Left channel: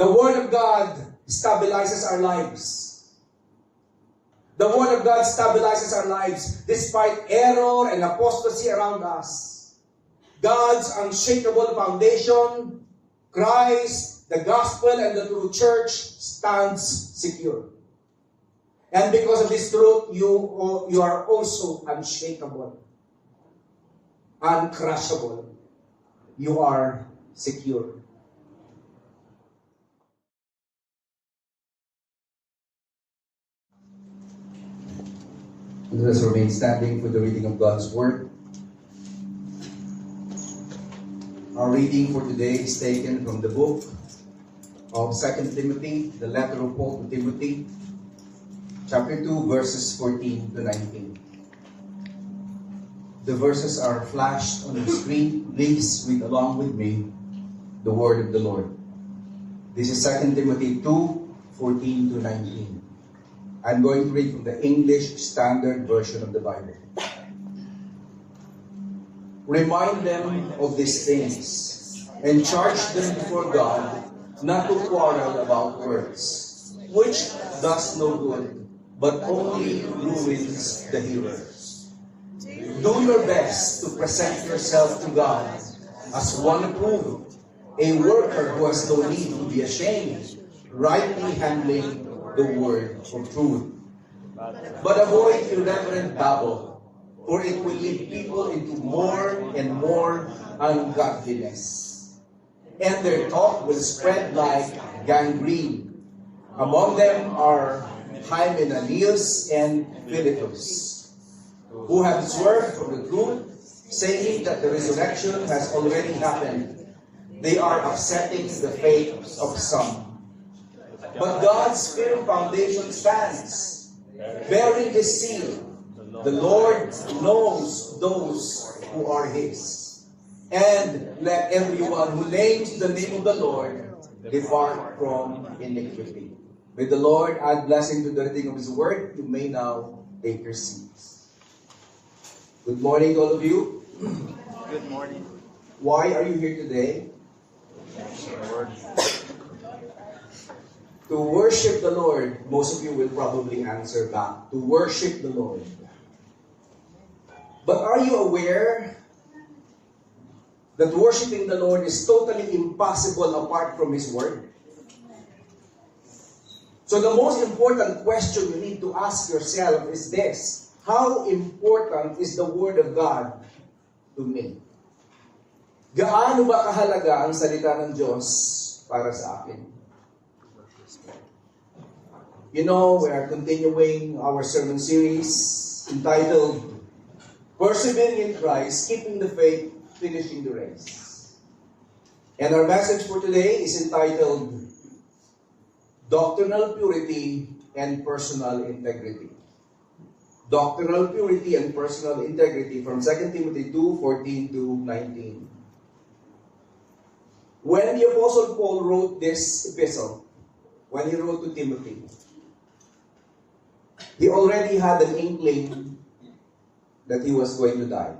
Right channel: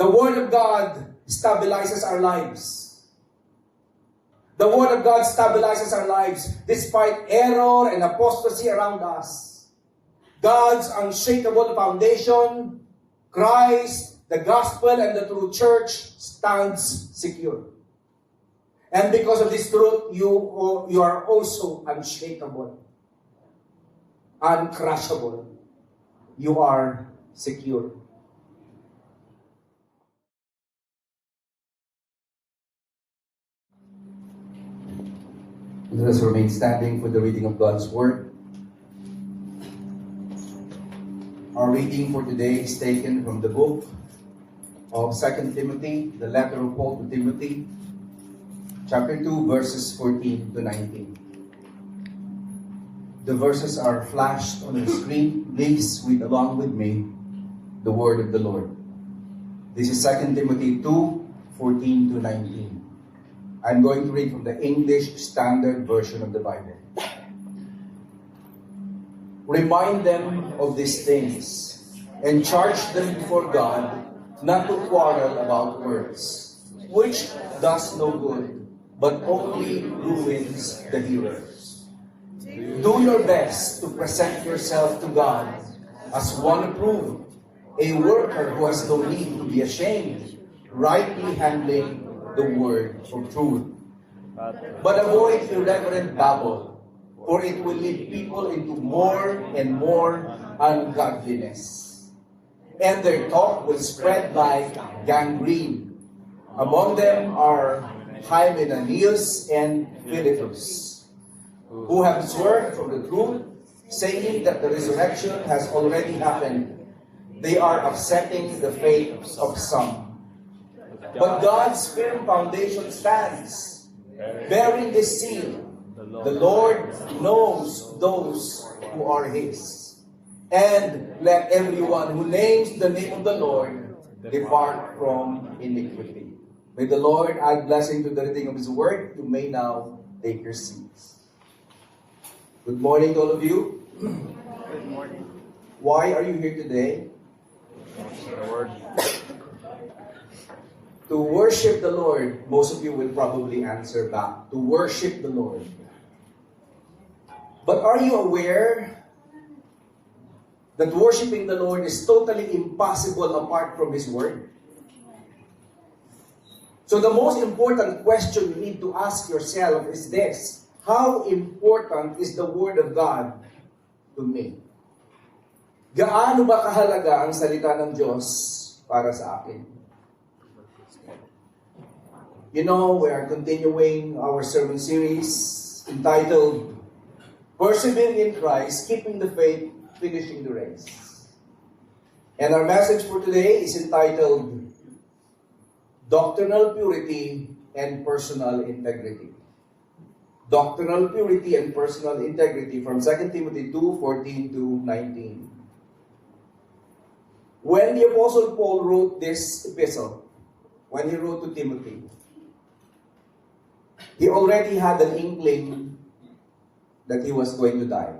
The Word of God stabilizes our lives. The Word of God stabilizes our lives despite error and apostasy around us. God's unshakable foundation, Christ, the gospel, and the true church stands secure. And because of this truth, you are also unshakable, uncrushable. You are secure. Let us remain standing for the reading of God's Word. Our reading for today is taken from the book of 2 Timothy, the letter of Paul to Timothy, chapter 2, verses 14 to 19. The verses are flashed on the screen. Please read along with me the word of the Lord. This is 2 Timothy 2, 14 to 19. I'm going to read from the English Standard Version of the Bible. Remind them of these things, and charge them before God not to quarrel about words, which does no good, but only ruins the hearers. Do your best to present yourself to God as one approved, a worker who has no need to be ashamed, rightly handling the word of truth. But avoid irreverent babble, for it will lead people into more and more ungodliness. And their talk will spread like gangrene. Among them are Hymenaeus and Philetus, who have swerved from the truth, saying that the resurrection has already happened. They are upsetting the faith of some. But God's firm foundation stands, bearing the seal. The Lord knows those who are His. And let everyone who names the name of the Lord depart from iniquity. May the Lord add blessing to the reading of His word. You may now take your seats. Good morning, all of you. Good morning. Why are you here today? To worship the Lord. Most of you will probably answer back. To worship the Lord. But are you aware that worshiping the Lord is totally impossible apart from His Word? So the most important question you need to ask yourself is this: how important is the Word of God to me? Gaano ba kahalaga ang salita ng Diyos para sa akin? You know, we are continuing our sermon series entitled Persevering in Christ, Keeping the Faith, Finishing the Race. And our message for today is entitled Doctrinal Purity and Personal Integrity. Doctrinal Purity and Personal Integrity from 2 Timothy 2, 14 to 19. When the Apostle Paul wrote this epistle, when he wrote to Timothy, he already had an inkling that he was going to die.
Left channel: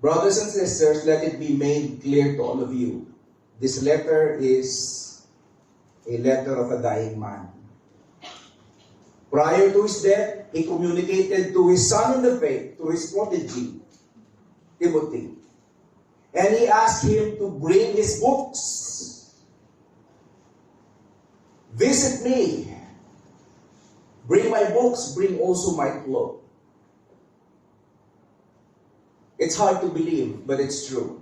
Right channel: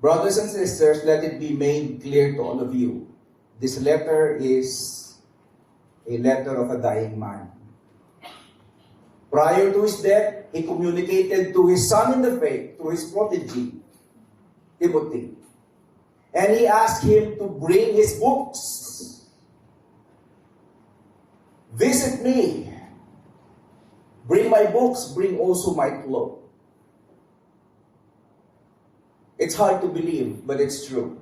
Brothers and sisters, let it be made clear to all of you. This letter is a letter of a dying man. Prior to his death, he communicated to his son in the faith, to his protege, Timothy. And he asked him to bring his books. Visit me. Bring my books, bring also my cloak. It's hard to believe, but it's true.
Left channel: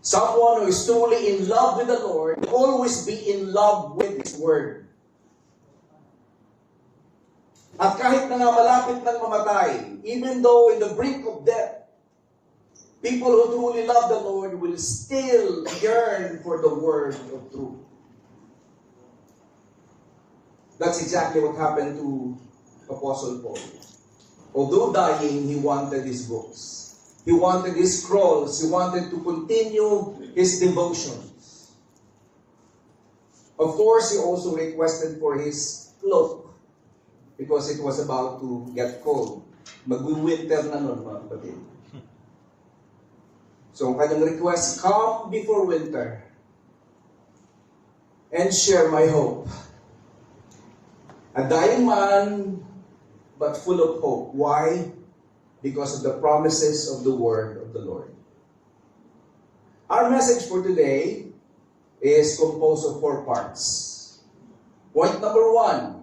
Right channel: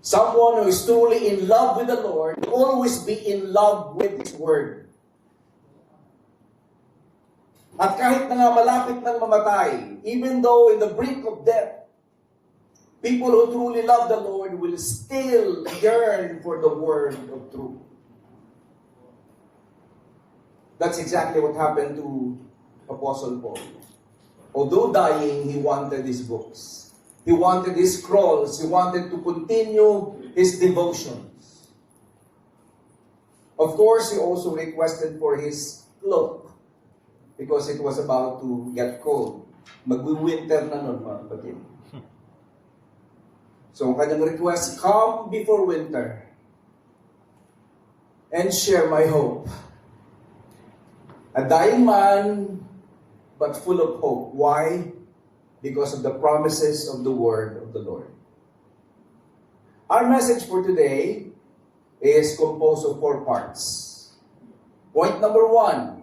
Someone who is truly in love with the Lord will always be in love with His Word. At kahit na nga malapit ng mamatay, even though in the brink of death, people who truly love the Lord will still yearn for the Word of truth. That's exactly what happened to Apostle Paul. Although dying, he wanted his books. He wanted his scrolls. He wanted to continue his devotions. Of course, he also requested for his cloak because it was about to get cold. Mag-winter na nun, mga kapatid. So, kanyang request, come before winter. and share my hope. A dying man, but full of hope. Why? Because of the promises of the word of the Lord. Our message for today is composed of 4 parts. Point number 1,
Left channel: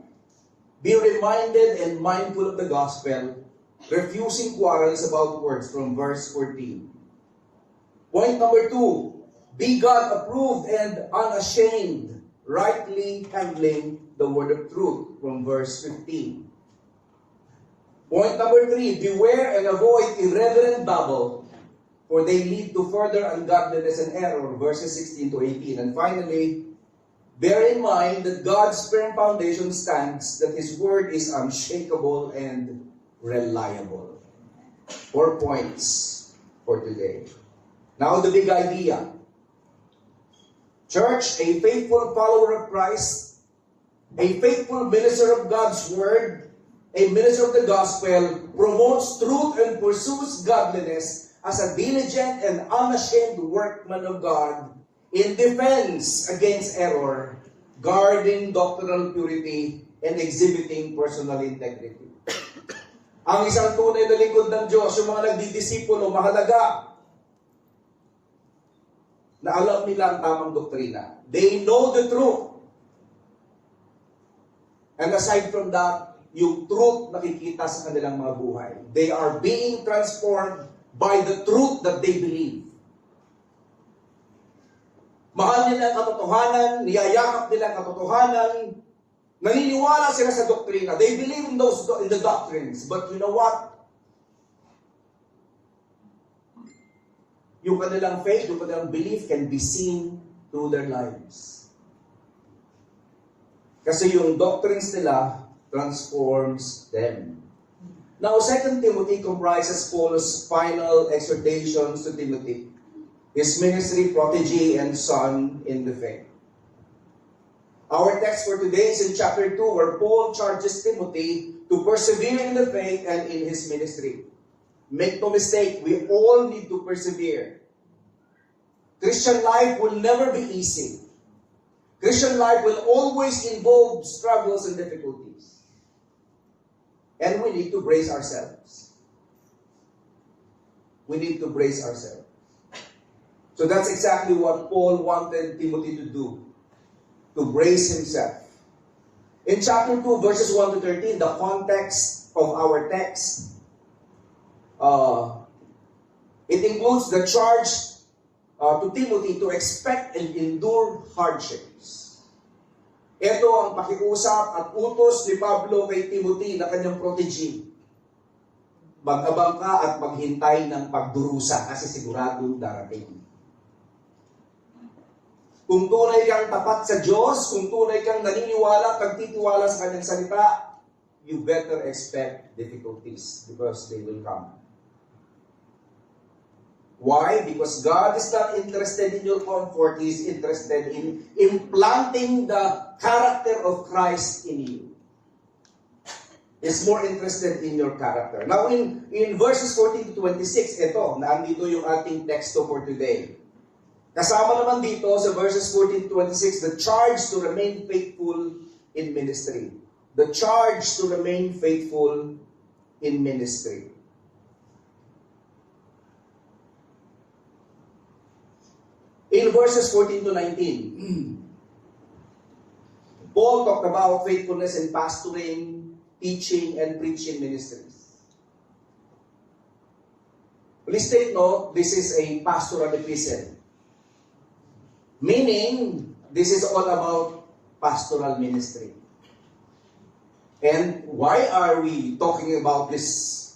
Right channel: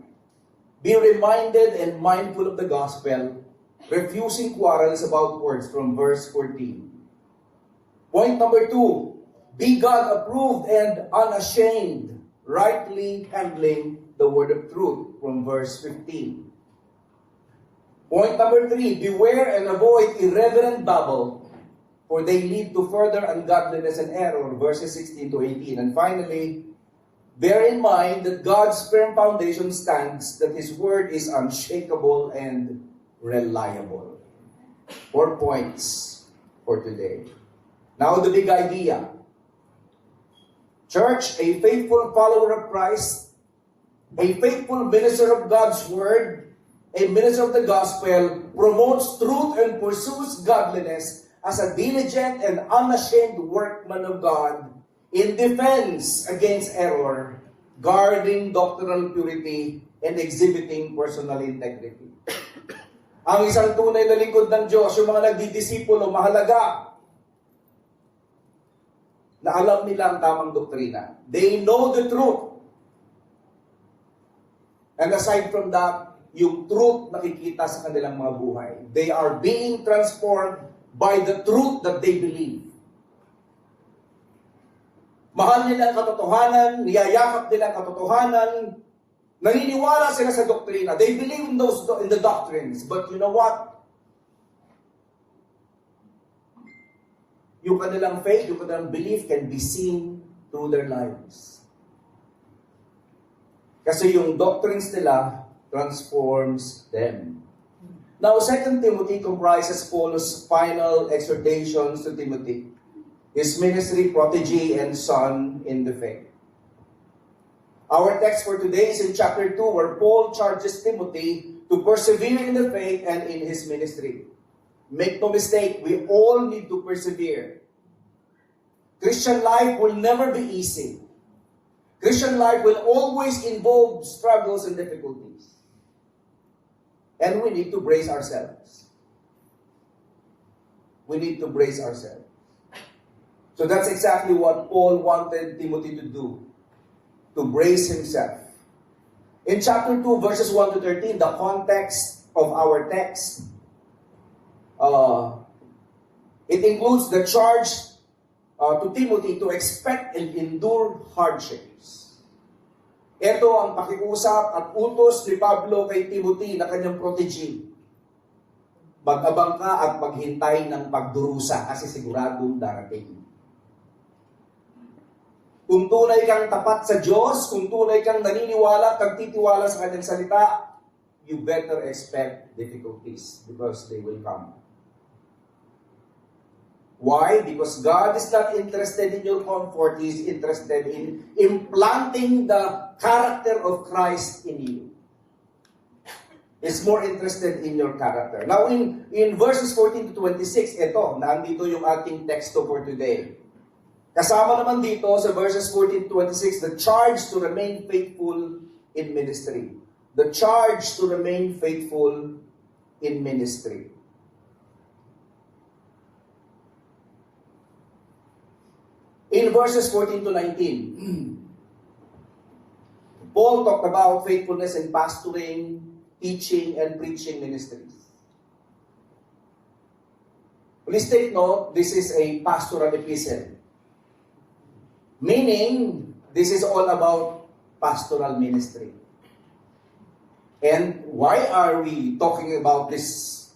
be reminded and mindful of the gospel, refusing quarrels about words from verse 14. Point number 2, be God-approved and unashamed, rightly handling the word of truth from verse 15. Point number 3, beware and avoid irreverent babble, for they lead to further ungodliness and error, verses 16 to 18. And finally, bear in mind that God's firm foundation stands, that His word is unshakable and reliable. 4 points for today. Now the big idea. Church, a faithful follower of Christ, a faithful minister of God's word, a minister of the gospel, promotes truth and pursues godliness as a diligent and unashamed workman of God in defense against error, guarding doctrinal purity, and exhibiting personal integrity. Ang isang tunay na lingkod ng Diyos, yung mga nagdidisipulo, mahalaga na alam nila ang tamang doktrina. They know the truth. And aside from that, yung truth nakikita sa kanilang mga buhay. They are being transformed by the truth that they believe. Mahal nila ang katotohanan, niyayakap nila ang katotohanan, naniniwala sila sa doktrina. They believe in the doctrines. But you know what? Yung kanilang faith, yung kanilang belief can be seen through their lives. Kasi yung doctrines nila transforms them. Now, 2 Timothy comprises Paul's final exhortations to Timothy, his ministry, protege, and son in the faith. Our text for today is in chapter 2, where Paul charges Timothy to persevere in the faith and in his ministry. Make no mistake, we all need to persevere. Christian life will never be easy. Christian life will always involve struggles and difficulties. And we need to brace ourselves. We need to brace ourselves. So that's exactly what Paul wanted Timothy to do, to brace himself. In chapter 2, verses 1 to 13, the context of our text, it includes the charge to Timothy to expect and endure hardships. Ito ang pakiusap at utos ni Pablo kay Timothy na kanyang protege. Mag-abang ka at maghintay ng pagdurusa kasi siguradong darating. Kung tunay kang tapat sa Diyos, kung tunay kang naniniwala at nagtitiwala sa kanyang salita, you better expect difficulties because they will come. Why? Because God is not interested in your comfort. He is interested in implanting the character of Christ in you. He's more interested in your character. Now, in verses 14 to 26, ito, nandito yung ating texto for today. Kasama naman dito sa verses 14 to 26, the charge to remain faithful in ministry. The charge to remain faithful in ministry. In verses 14 to 19, Paul talked about faithfulness in pastoring, teaching, and preaching ministries. Please take note, this is a pastoral epistle. Meaning, this is all about pastoral ministry. And why are we talking about this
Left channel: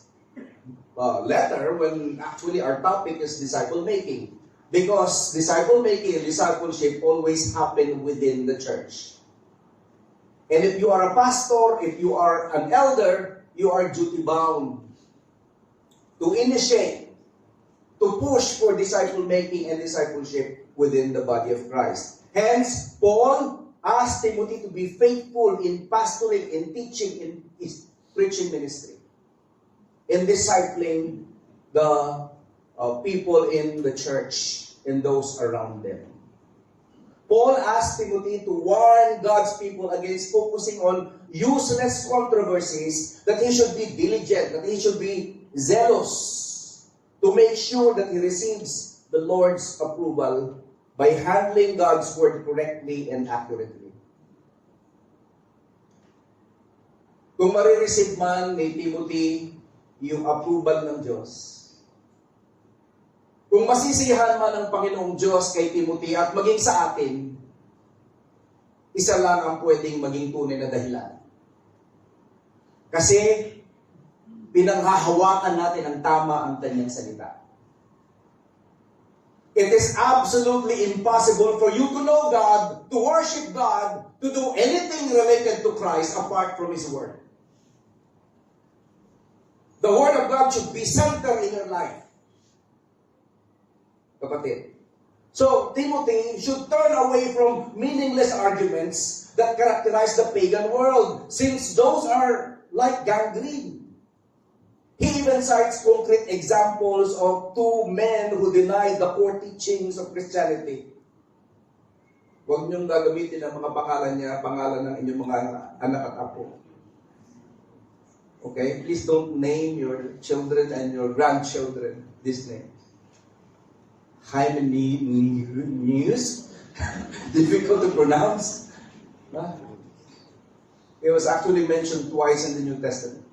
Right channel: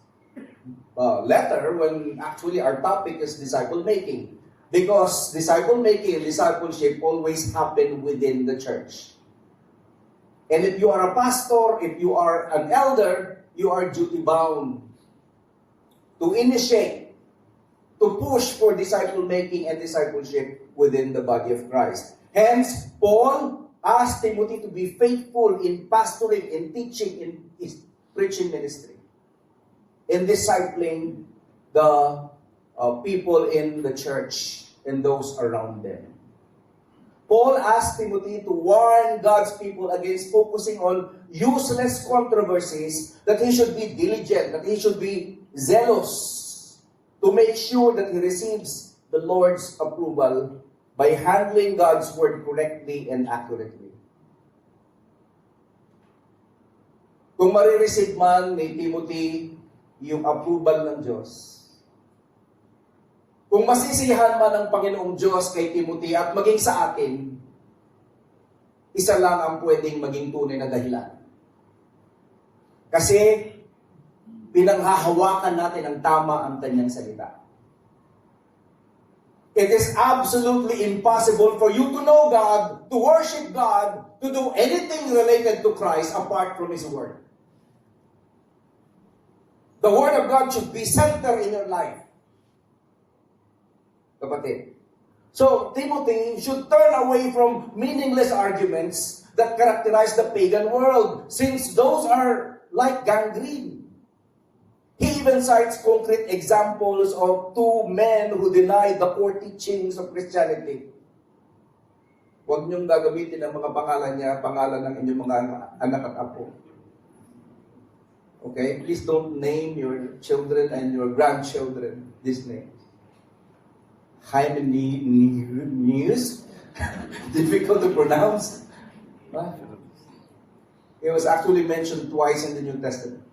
letter when actually our topic is disciple making? Because disciple making and discipleship always happen within the church. And if you are a pastor, if you are an elder, you are duty bound to initiate, to push for disciple making and discipleship within the body of Christ. Hence, Paul asked Timothy to be faithful in pastoring, in teaching, in his preaching ministry, in discipling the people in the church and those around them. Paul asked Timothy to warn God's people against focusing on useless controversies, that he should be diligent, that he should be zealous to make sure that he receives the Lord's approval by handling God's word correctly and accurately. Kung marireceive man ni Timothy yung approval ng Diyos, kung masisiyahan man ng Panginoong Diyos kay Timothy at maging sa atin, isa lang ang pwedeng maging tunay na dahilan. Kasi pinanghahawakan natin ang tama ang kanyang salita. It is absolutely impossible for you to know God, to worship God, to do anything related to Christ apart from His Word. The Word of God should be center in your life. Kapatid. So, Timothy should turn away from meaningless arguments that characterize the pagan world, since those are like gangrene. He even cites concrete examples of two men who denied the core teachings of Christianity. Huwag niyong gagamitin ang mga pangalan niya, pangalan ng inyong mga anak at apo. Okay? Please don't name your children and your grandchildren these names. Hymenaeus, difficult to pronounce. It was actually mentioned twice in the New Testament.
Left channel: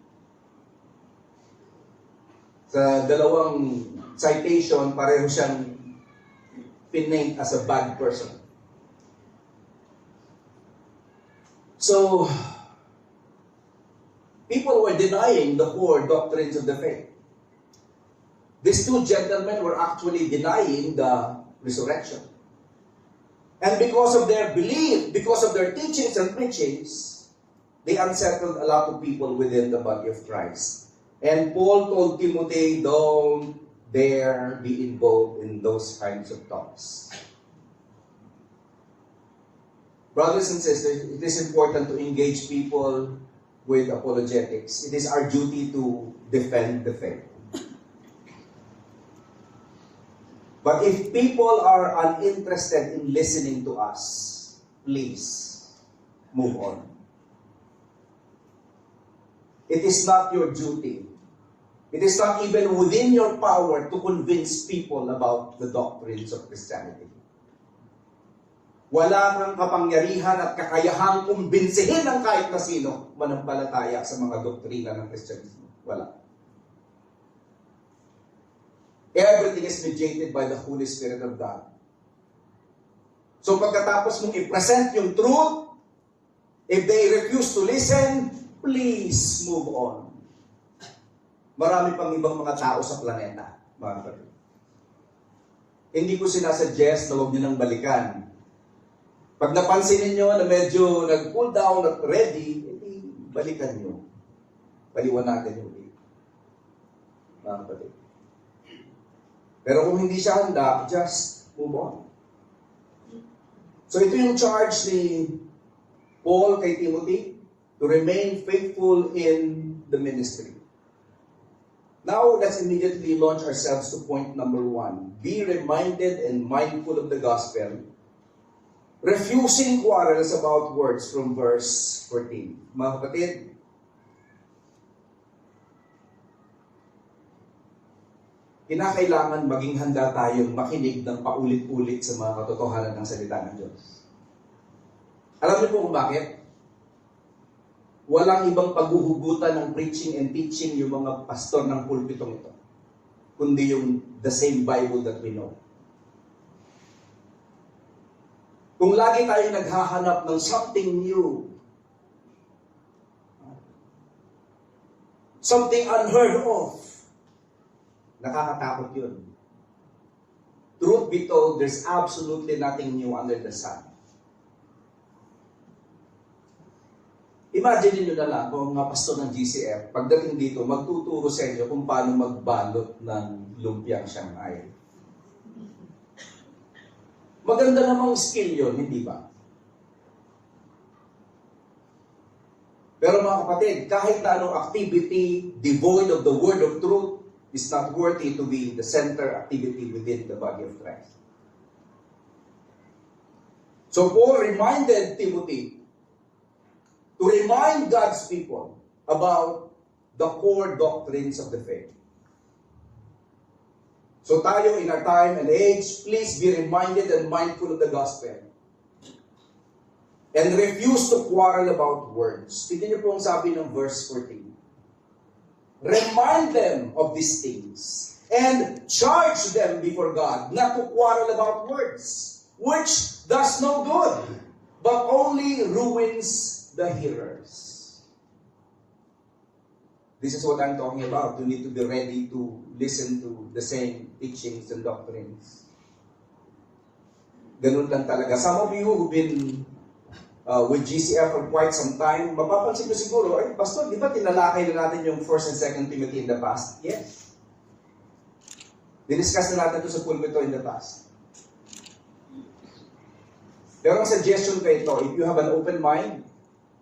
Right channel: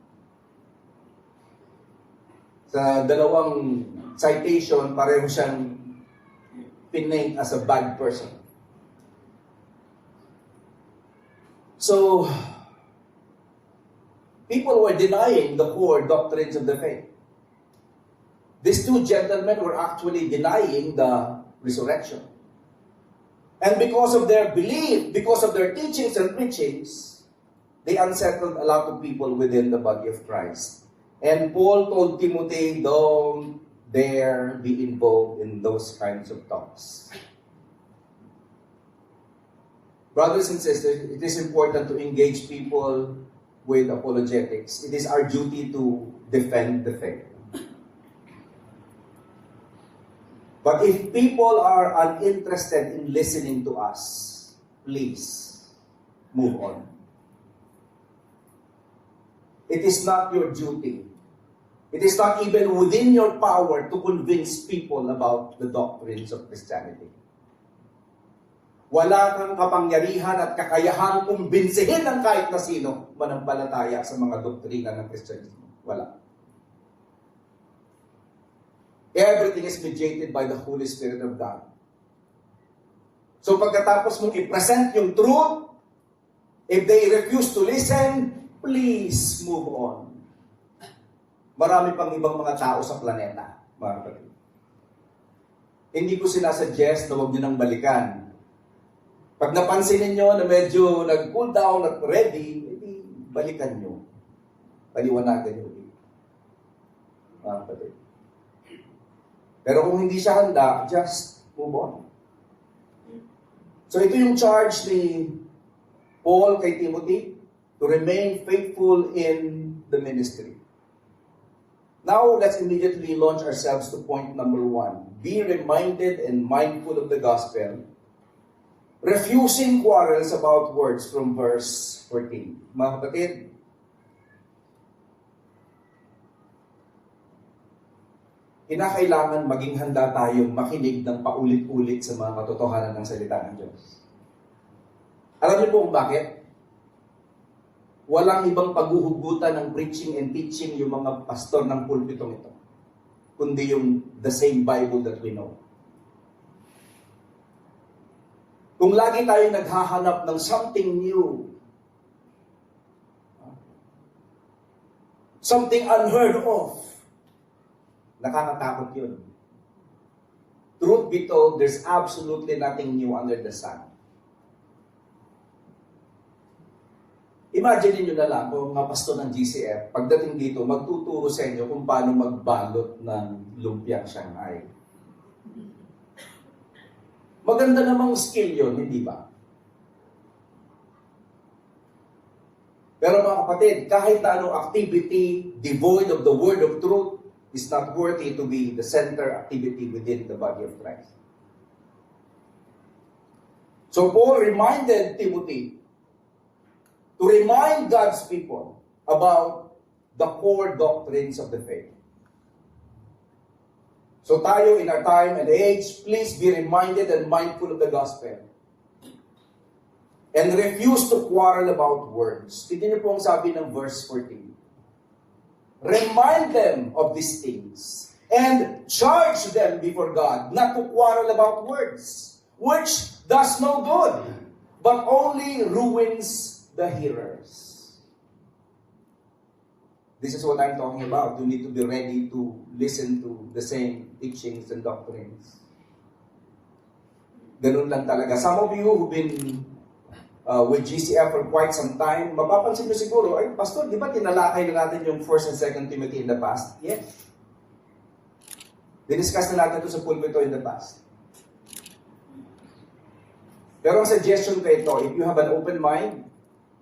Sa dalawang citation, pareho siyang pinaint as a bad person. So, people were denying the core doctrines of the faith. These two gentlemen were actually denying the resurrection. And because of their belief, because of their teachings and preachings, they unsettled a lot of people within the body of Christ. And Paul told Timothy, don't dare be involved in those kinds of talks. Brothers and sisters, it is important to engage people with apologetics. It is our duty to defend the faith. But if people are uninterested in listening to us, please move on. It is not your duty. It is not even within your power to convince people about the doctrines of Christianity. Wala kang kapangyarihan at kakayahang kumbinsihin ng kahit na sino manampalataya sa mga doktrina ng Kristyanismo. Wala. Everything is mediated by the Holy Spirit of God. So pagkatapos mong i-present yung truth, if they refuse to listen, please move on. Marami pang ibang mga tao sa planeta, mga kapatid. Hindi ko sinasuggest na huwag nyo nang balikan. Pag napansin niyo na medyo nag-cool down at ready, edi balikan nyo. Paliwanagan nyo ulit. Mga kapatid. Pero kung hindi siya handa, just move on. So ito yung charge ni Paul kay Timothy, to remain faithful in the ministry. Now, let's immediately launch ourselves to point number 1. Be reminded and mindful of the gospel, refusing quarrels about words from verse 14. Mga kapatid, kinakailangan maging handa tayong makinig ng paulit-ulit sa mga katotohanan ng salita ng Diyos. Alam niyo po kung bakit? Walang ibang paghuhugutan ng preaching and teaching yung mga pastor ng pulpitong ito, kundi yung the same Bible that we know. Kung lagi tayo naghahanap ng something new, something unheard of, nakakatakot yun. Truth be told, there's absolutely nothing new under the sun. Imagine niyo na lang kung mga pastor ng GCF, pagdating dito, magtuturo sa inyo kung paano magbalot ng lumpiang Shanghai. Maganda namang skill yun, hindi ba? Pero mga kapatid, kahit na anong activity devoid of the word of truth is not worthy to be the center activity within the body of Christ. So Paul reminded Timothy to remind God's people about the core doctrines of the faith. So tayo in our time and age, please be reminded and mindful of the gospel. And refuse to quarrel about words. Tignan niyo po ang sabi ng verse 14. Remind them of these things and charge them before God not to quarrel about words, which does no good, but only ruins the hearers. This is what I'm talking about. You need to be ready to listen to the same teachings and doctrines. Ganun lang talaga. Some of you who've been with GCF for quite some time, mapapansin nyo siguro, ay, Pastor, di ba tinalakay na natin yung 1 and 2 Timothy in the past? Yes. Diniscuss na natin ito sa pulpito in the past. Pero ang suggestion ko ito, if you have an open mind,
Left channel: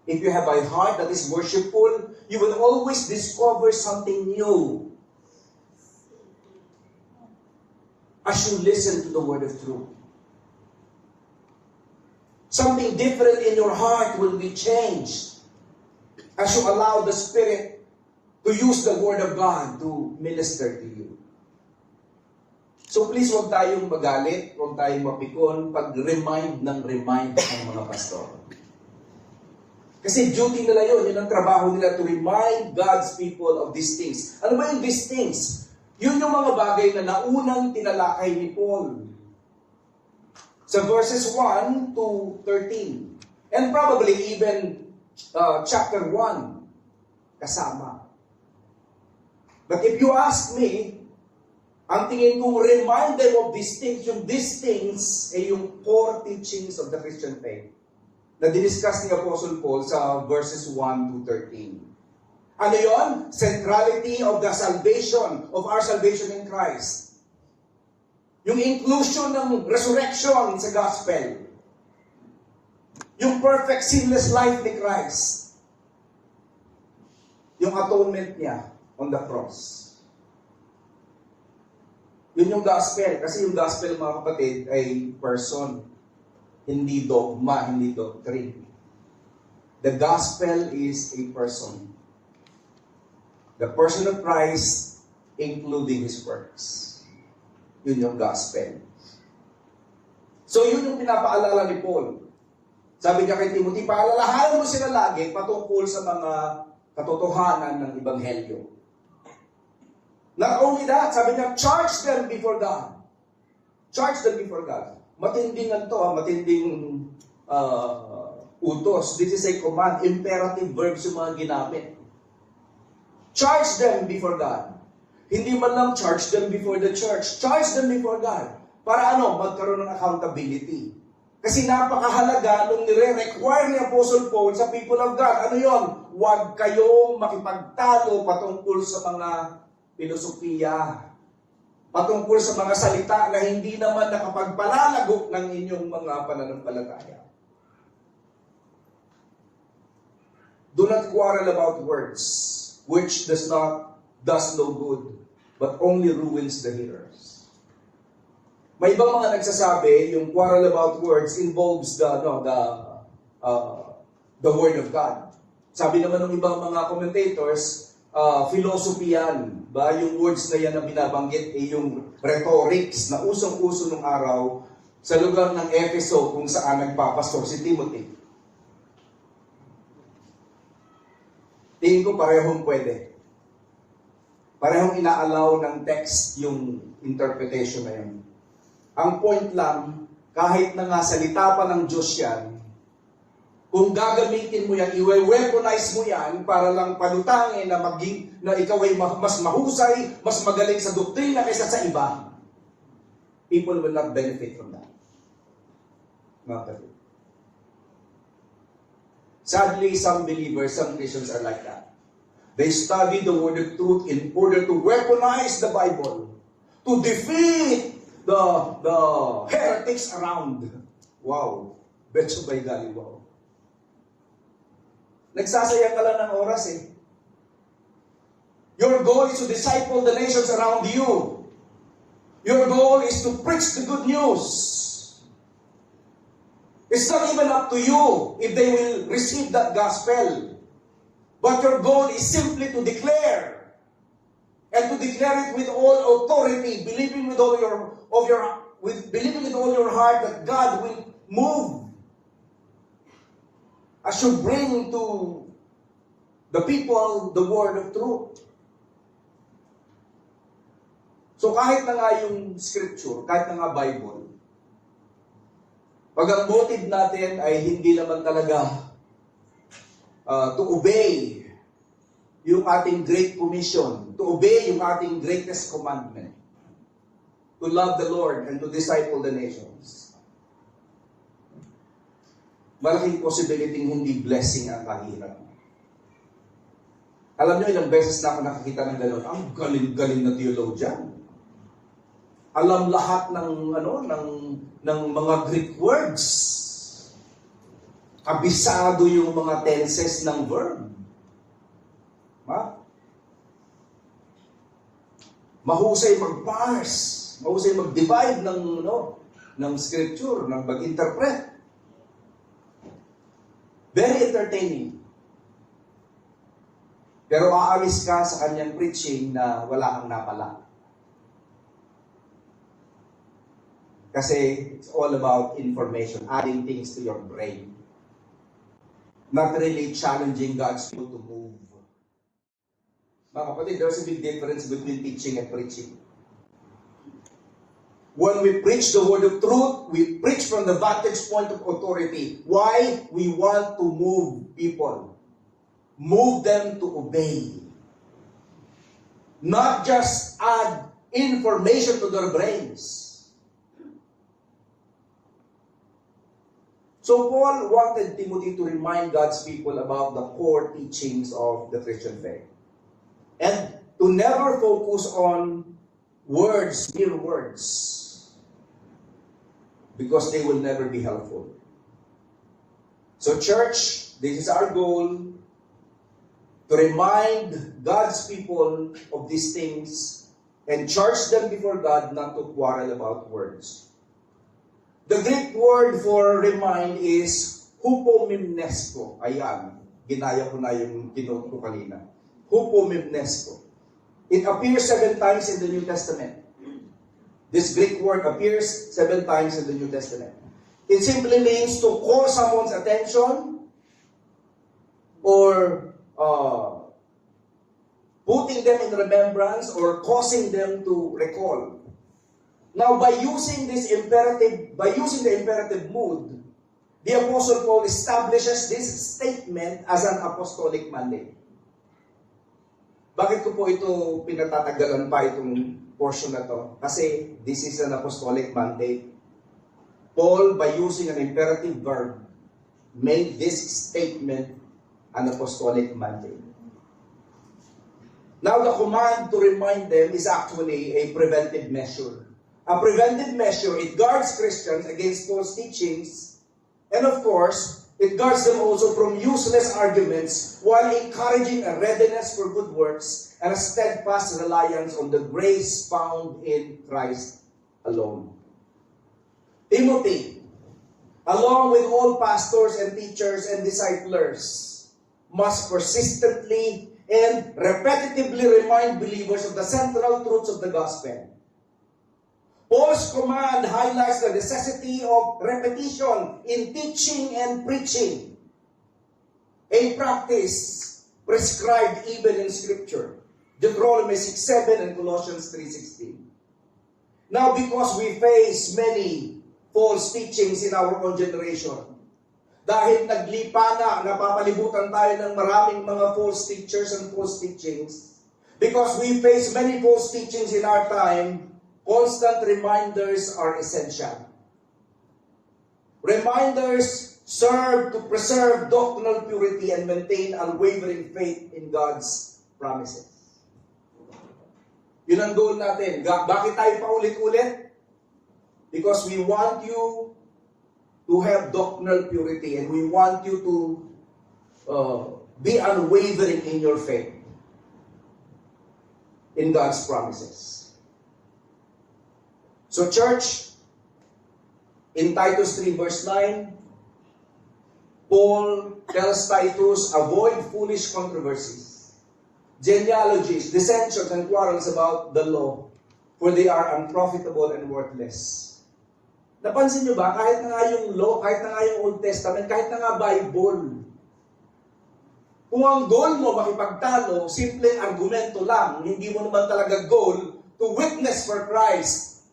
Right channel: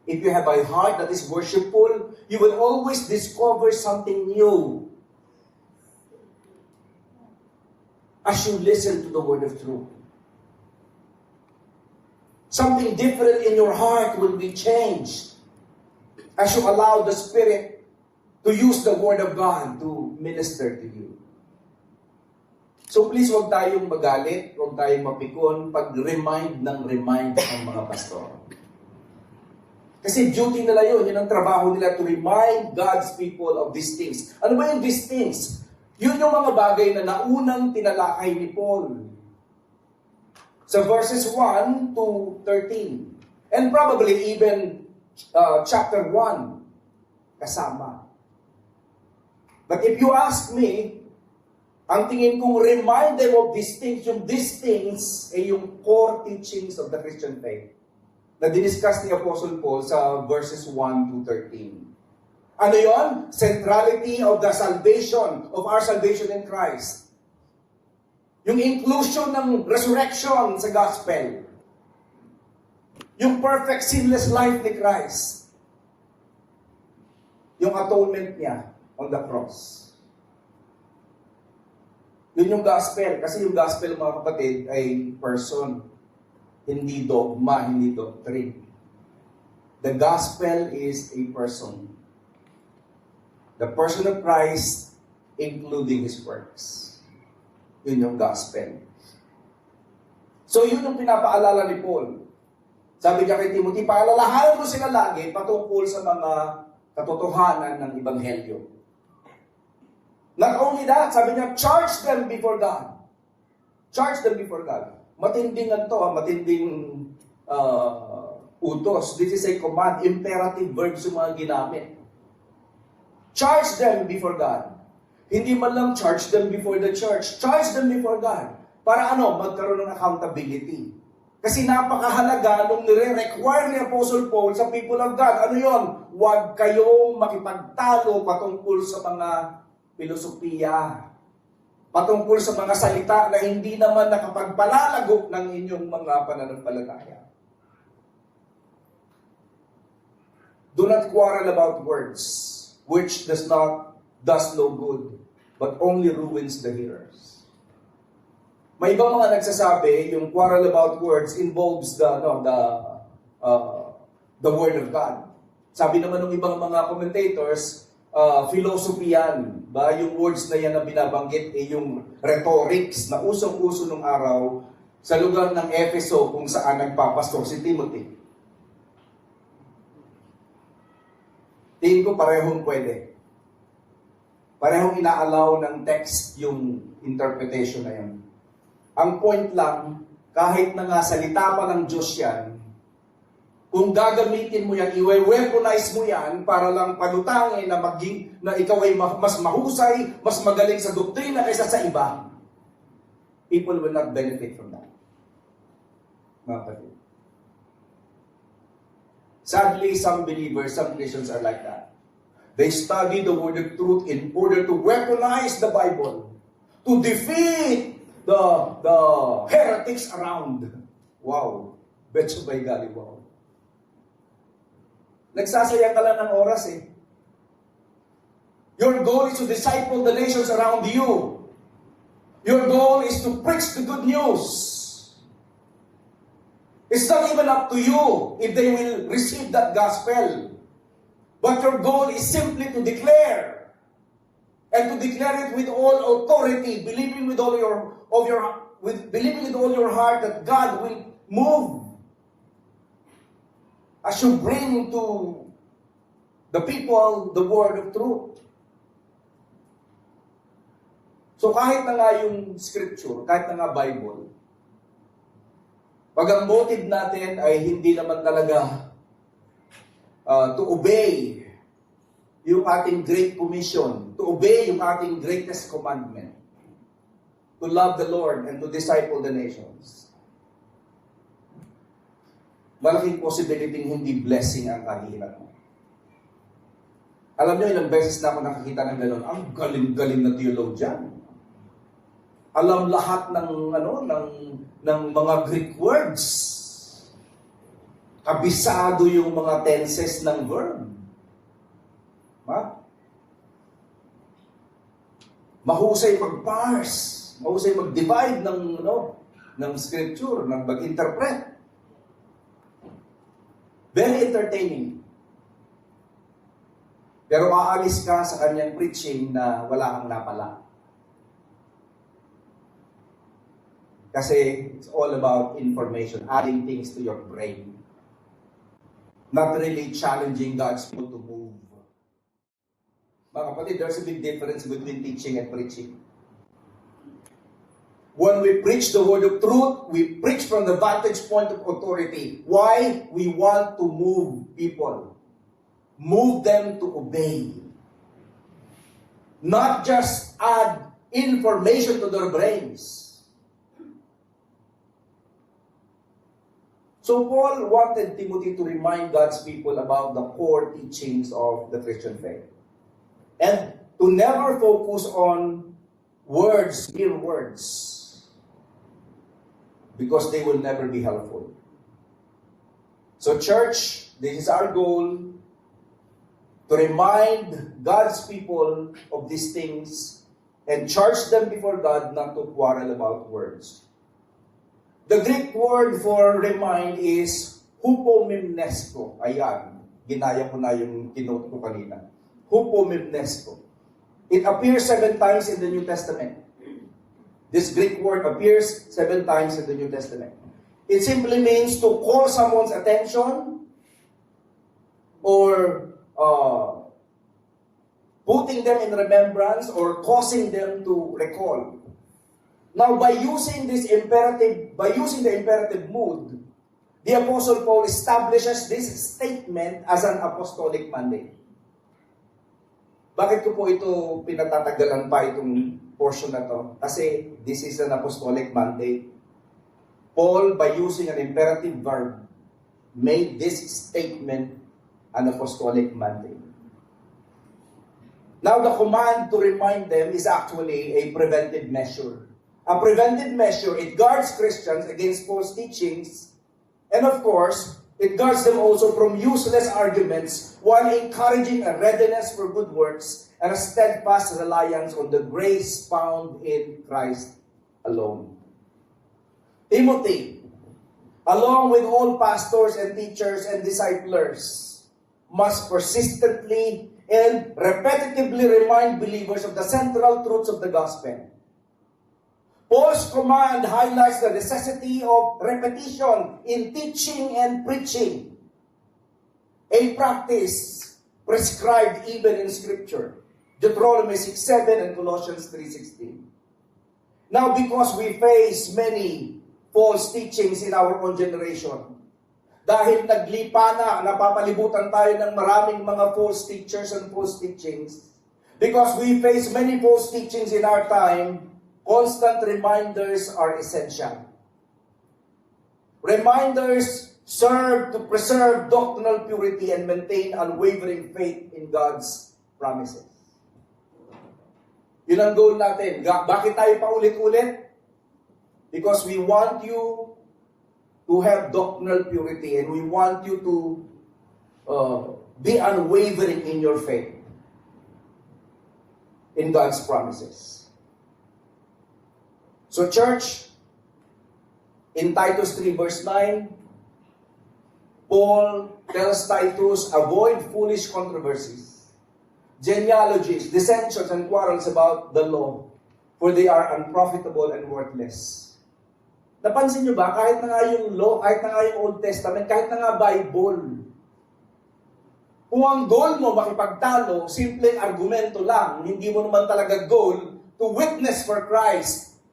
if you have a heart that is worshipful, you will always discover something new as you listen to the word of truth. Something different in your heart will be changed as you allow the Spirit to use the Word of God to minister to you. So please, huwag tayong magalit, huwag tayong mapikon pag-remind ang mga pastor. Kasi duty nila yun ang trabaho nila to remind God's people of these things. Ano ba yung these things? Yun yung mga bagay na naunang tinalakay ni Paul. Sa verses 1 to 13. And probably even chapter 1 kasama. But if you ask me, ang tingin kong remind them of these things, yung these things ay yung core teachings of the Christian faith na diniscuss ni Apostle Paul sa verses 1 to 13. Ano yon? Centrality of the salvation, of our salvation in Christ. Yung inclusion ng resurrection sa gospel. Yung perfect sinless life ni Christ. Yung atonement niya on the cross. Yun yung gospel. Kasi yung gospel, mga kapatid, ay person. Hindi dogma, hindi doctrine. The gospel is a person. The person of Christ, including His works. Yun yung gospel. So yun yung pinapaalala ni Paul. Sabi niya kay Timothy, paalalahanan mo sila lagi patungkol sa mga katotohanan ng Ebanghelyo. Not only that, sabi niya, charge them before God. Charge them before God. Matinding matinding utos. This is a command, imperative verbs yung mga ginamit. Charge them before God. Hindi man lang charge them before the church. Charge them before God. Para magkaroon ng accountability. Kasi napakahalaga nung nire-require ni Apostle Paul sa people of God. Ano yon? Huwag kayong makipagtalo patungkol sa mga filosofiya. Patungkol sa mga salita na hindi naman nakapagpalalago ng inyong mga pananampalataya. Do not quarrel about words, which does no good, but only ruins the hearers. May ibang mga nagsasabi, yung quarrel about words involves the word of God. Sabi naman ng ibang mga commentators, philosophy yan. Yung words na yan na binabanggit ay yung rhetorics na usong-uso ng araw sa lugar ng Efeso kung saan nagpapastor si Timothy. Tingin ko parehong pwede. Parehong inaalaw ng text yung interpretation na yun. Ang point lang, kahit na nga salita pa ng Diyos yan, kung gagamitin mo yan, i-weaponize mo yan para lang palutangin na ikaw ay mas mahusay, mas magaling sa doktrina kaysa sa iba, people will not benefit from that. Mga kapatid. Sadly, some believers, some Christians are like that. They study the word of truth in order to weaponize the Bible, to defeat the heretics around. Wow. Betcha by golly, wow. Nagsasayang ka lang ng oras eh. Your goal is to disciple the nations around you. Your goal is to preach the good news. It's not even up to you if they will receive that gospel. But your goal is simply to declare, and to declare it with all authority, believing with all believing with all your heart that God will move as you bring to the people the word of truth. So kahit na nga yung scripture, kahit na nga Bible, pag ang motive natin ay hindi naman talaga to obey yung ating great commission, to obey yung ating greatest commandment, to love the Lord and to disciple the nations, malaking possibility hindi blessing ang kahirap mo. Alam niyo, ilang beses na ako nakakita ng gano'n, ang galing-galing na theologian. Alam lahat ng mga Greek words. Kabisado yung mga tenses ng verb. Mahusay mag-parse, mahusay mag-divide ng scripture, ng mag-interpret. Very entertaining. Pero aalis ka sa kanyang preaching na wala kang napala. Kasi it's all about information, adding things to your brain. Not really challenging God's will to move. Mga kapatid, there's a big difference between teaching and preaching. When we preach the word of truth, we preach from the vantage point of authority. Why? We want to move people. Move them to obey. Not just add information to their brains. So Paul wanted Timothy to remind God's people about the core teachings of the Christian faith. And to never focus on words, mere words, because they will never be helpful. So church, this is our goal, to remind God's people of these things and charge them before God not to quarrel about words. The Greek word for remind is hupomimnesko. Ayan, ginaya ko na yung kinote ko kanina. Hupomimnesko. It appears 7 times in the New Testament. This Greek word appears 7 times in the New Testament. It simply means to call someone's attention or putting them in remembrance or causing them to recall. Now, by using the imperative mood, the Apostle Paul establishes this statement as an apostolic mandate. Bakit ko po ito pinatatagalan pa itong portion na to? Kasi this is an apostolic mandate. Paul, by using an imperative verb, made this statement an apostolic mandate. Now, the command to remind them is actually a preventive measure. A preventive measure, it guards Christians against false teachings, and of course, it guards them also from useless arguments while encouraging a readiness for good works and a steadfast reliance on the grace found in Christ alone. Timothy, along with all pastors and teachers and disciplers, must persistently and repetitively remind believers of the central truths of the gospel. Paul's command highlights the necessity of repetition in teaching and preaching, a practice prescribed even in Scripture. Deuteronomy 6:7 and Colossians 3:16. Now, because we face many false teachings in our own generation, dahil naglipa na, napapalibutan tayo ng maraming mga false teachers and false teachings, because we face many false teachings in our time, constant reminders are essential. Reminders serve to preserve doctrinal purity and maintain unwavering faith in God's promises. Yun ang goal natin. Bakit tayo paulit-ulit? Because we want you to have doctrinal purity and we want you to be unwavering in your faith in God's promises. So church, in Titus 3 verse 9, Paul tells Titus, avoid foolish controversies, genealogies, dissensions, and quarrels about the law, for they are unprofitable and worthless. Napansin nyo ba, kahit na nga yung law, kahit na nga yung Old Testament, kahit na nga Bible, kung ang goal mo makipagtalo, simpleng argumento lang, hindi mo naman talaga goal to witness for Christ,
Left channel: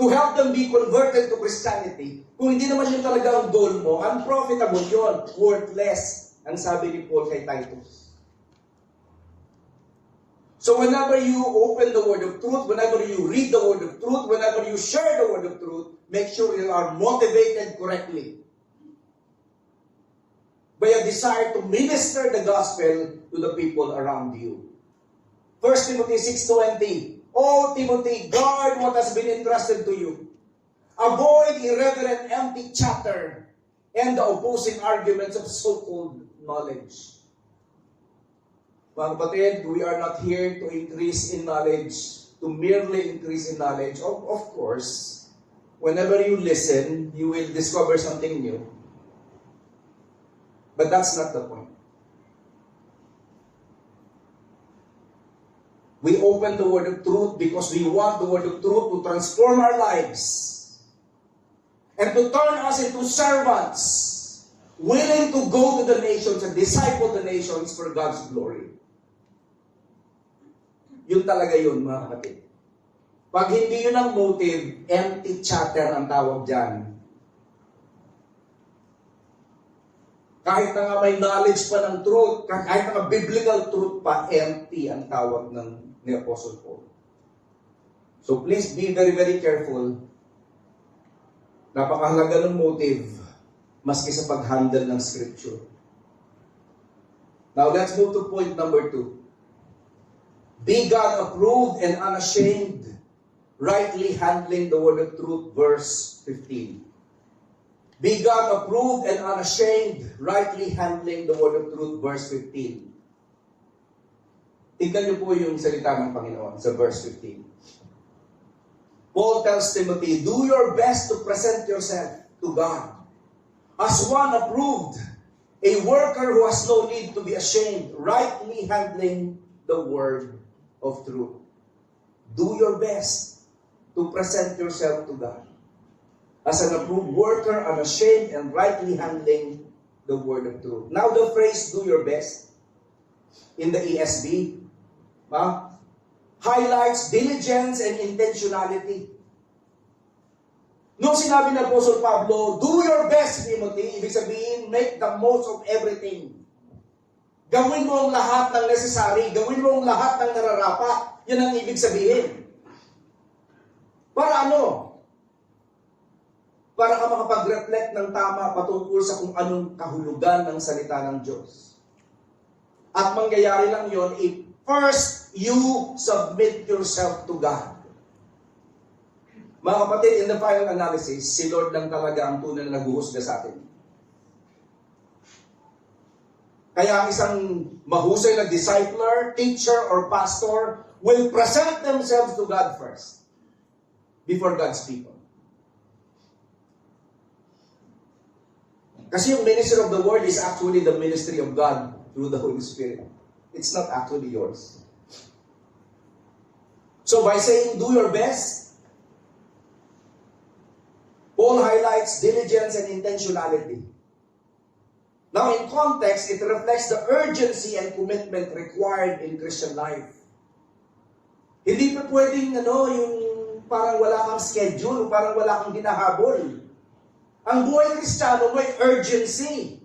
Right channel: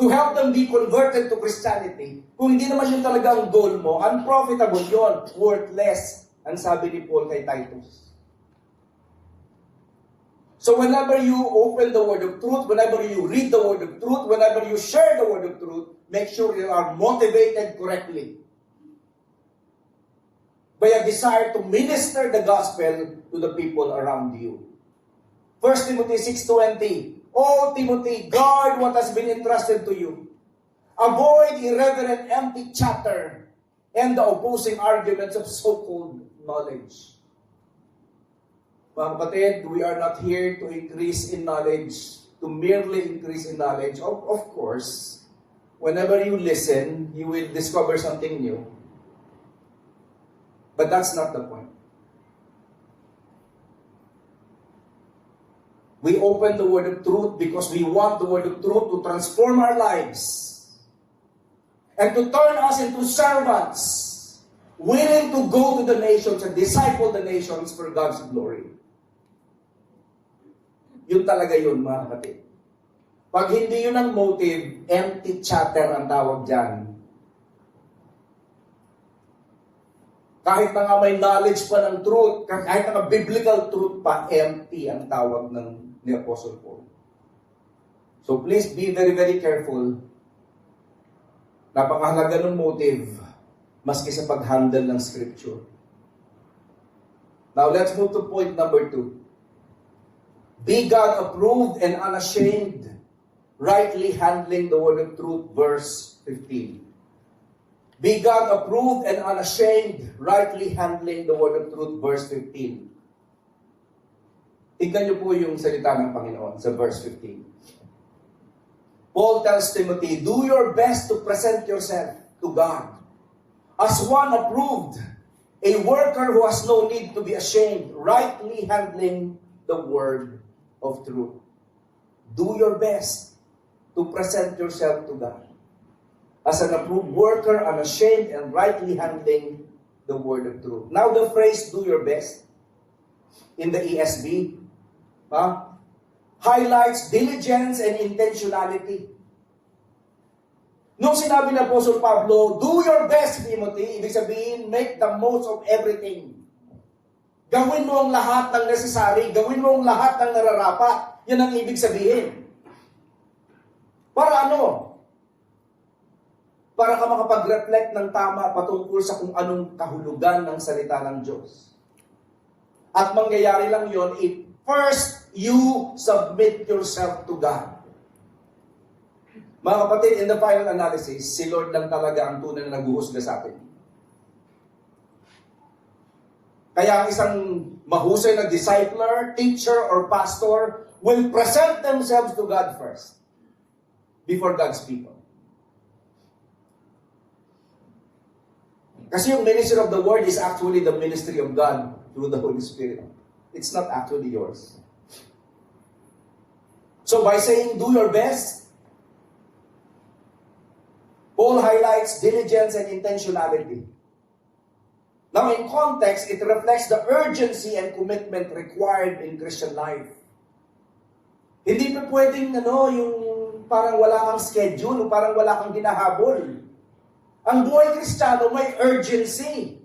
to help them be converted to Christianity. Kung hindi naman yun talaga ang goal mo, unprofitable yun, worthless, ang sabi ni Paul kay Titus. So whenever you open the word of truth, whenever you read the word of truth, whenever you share the word of truth, make sure you are motivated correctly by a desire to minister the gospel to the people around you. 1 Timothy 6:20, O Timothy, guard what has been entrusted to you. Avoid irreverent empty chatter and the opposing arguments of so-called knowledge. Mga kapatid, we are not here to increase in knowledge, to merely increase in knowledge. Of course, whenever you listen, you will discover something new. But that's not the point. We open the word of truth because we want the word of truth to transform our lives and to turn us into servants willing to go to the nations and disciple the nations for God's glory. Yun talaga yun, mga kapatid. Pag hindi yun ang motive, empty chatter ang tawag dyan. Kahit na nga may knowledge pa ng truth, kahit na nga biblical truth pa, empty ang tawag ni Apostle Paul. So please be very, very careful. Napakahalaga ng motive, maski sa pag-handle ng scripture. Now let's move to point number 2. Be God-approved and unashamed, rightly handling the word of truth, verse 15. Be God-approved and unashamed, rightly handling the word of truth, verse 15. Tignan niyo po yung salita ng Panginoon sa verse 15. Paul tells Timothy, do your best to present yourself to God as one approved, a worker who has no need to be ashamed, rightly handling the word of truth. Do your best to present yourself to God as an approved worker, unashamed, and rightly handling the word of truth. Now the phrase, do your best, in the ESV, highlights diligence and intentionality. Nung sinabi ng Apostle Pablo, do your best, Timothy, ibig sabihin, make the most of everything. Gawin mo ang lahat ng necessary, gawin mo ang lahat ng nararapat. Yan ang ibig sabihin. Para ano? Para ka makapag-reflect ng tama patungkol sa kung anong kahulugan ng salita ng Diyos. At mangyayari lang yon if first you submit yourself to God. Mga kapatid, in the final analysis, si Lord lang talaga ang tunay na nag-uusga sa atin. Kaya ang isang mahusay na discipler, teacher, or pastor will present themselves to God first before God's people. Kasi yung ministry of the word is actually the ministry of God through the Holy Spirit. It's not actually yours. So by saying, do your best, Paul highlights diligence and intentionality. Now, in context, it reflects the urgency and commitment required in Christian life. Hindi pa pwedeng, yung parang wala kang schedule, parang wala kang ginahabol. Ang buhay Kristiyano may urgency.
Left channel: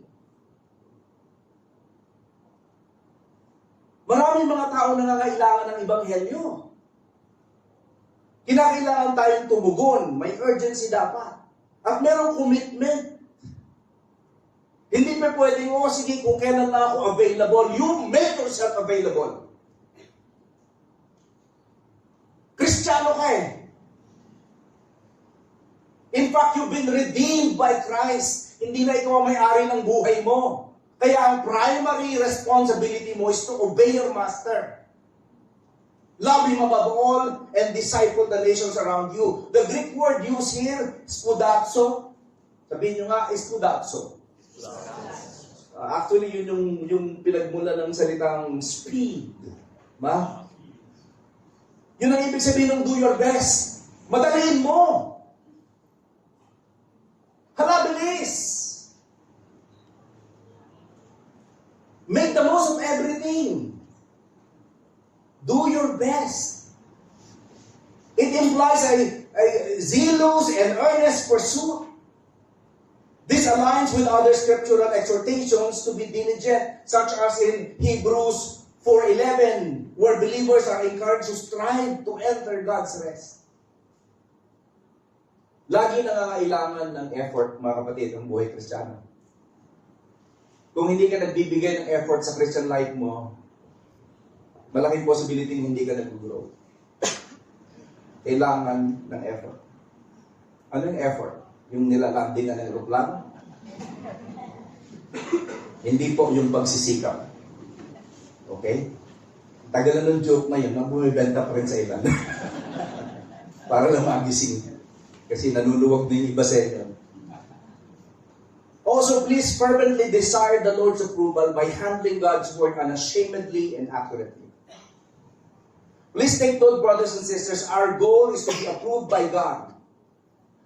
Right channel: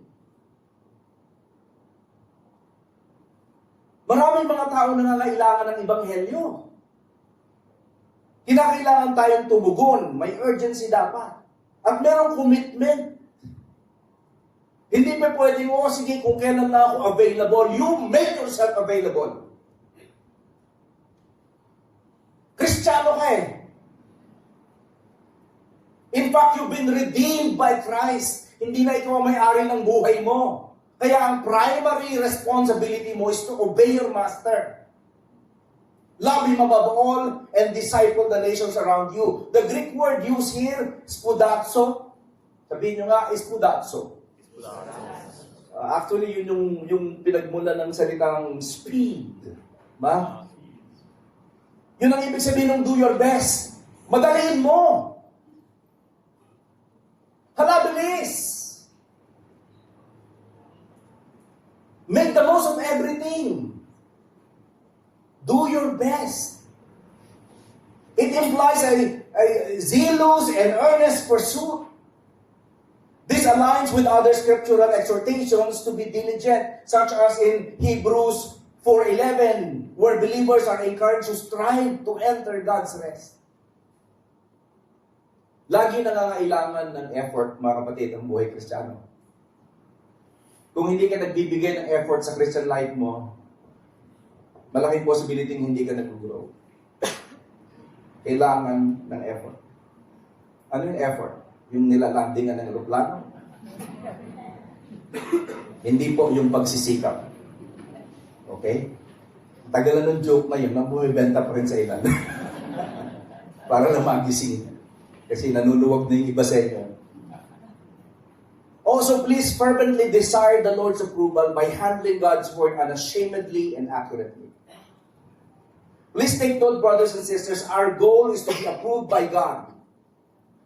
Maraming mga tao nangangailangan ng ebanghelyo. Kinakailangan tayong tumugon, may urgency dapat. At merong commitment. Hindi pa pwedeng, sige, kung kailan na ako available, you make yourself available. Kristiyano ka eh. In fact, you've been redeemed by Christ. Hindi na ikaw ang may-ari ng buhay mo. Kaya ang primary responsibility mo is to obey your master. Love Him above all and disciple the nations around you. The Greek word used here, spoudazo, Sabihin nyo nga, spudapso. Actually, yun yung pinagmula ng salitang speed. Ba? Yun ang ibig sabihin ng do your best. Madaliin mo. Hala, bilis. Make the most of everything. Do your best. It implies a zealous and earnest pursuit. This aligns with other scriptural exhortations to be diligent, such as in Hebrews 4:11, where believers are encouraged to strive to enter God's rest. Lagi nangangailangan ng effort, mga kapatid, ang buhay Kristiyano. Kung hindi ka nagbibigay ng effort sa Christian life mo, malaking possibility hindi ka nag-grow. Kailangan ng effort. Ano yung effort? Yung nilalandingan ng aeroplano? Hindi po yung pagsisikap. Okay? Tagalan ng joke na yun, nang bumibenta pa rin sa ilan. Para lang magising. Kasi nanuluwag na yung iba sa inyo. Also, please fervently desire the Lord's approval by handling God's word unashamedly and accurately. Please take note, brothers and sisters, our goal is to be approved by God.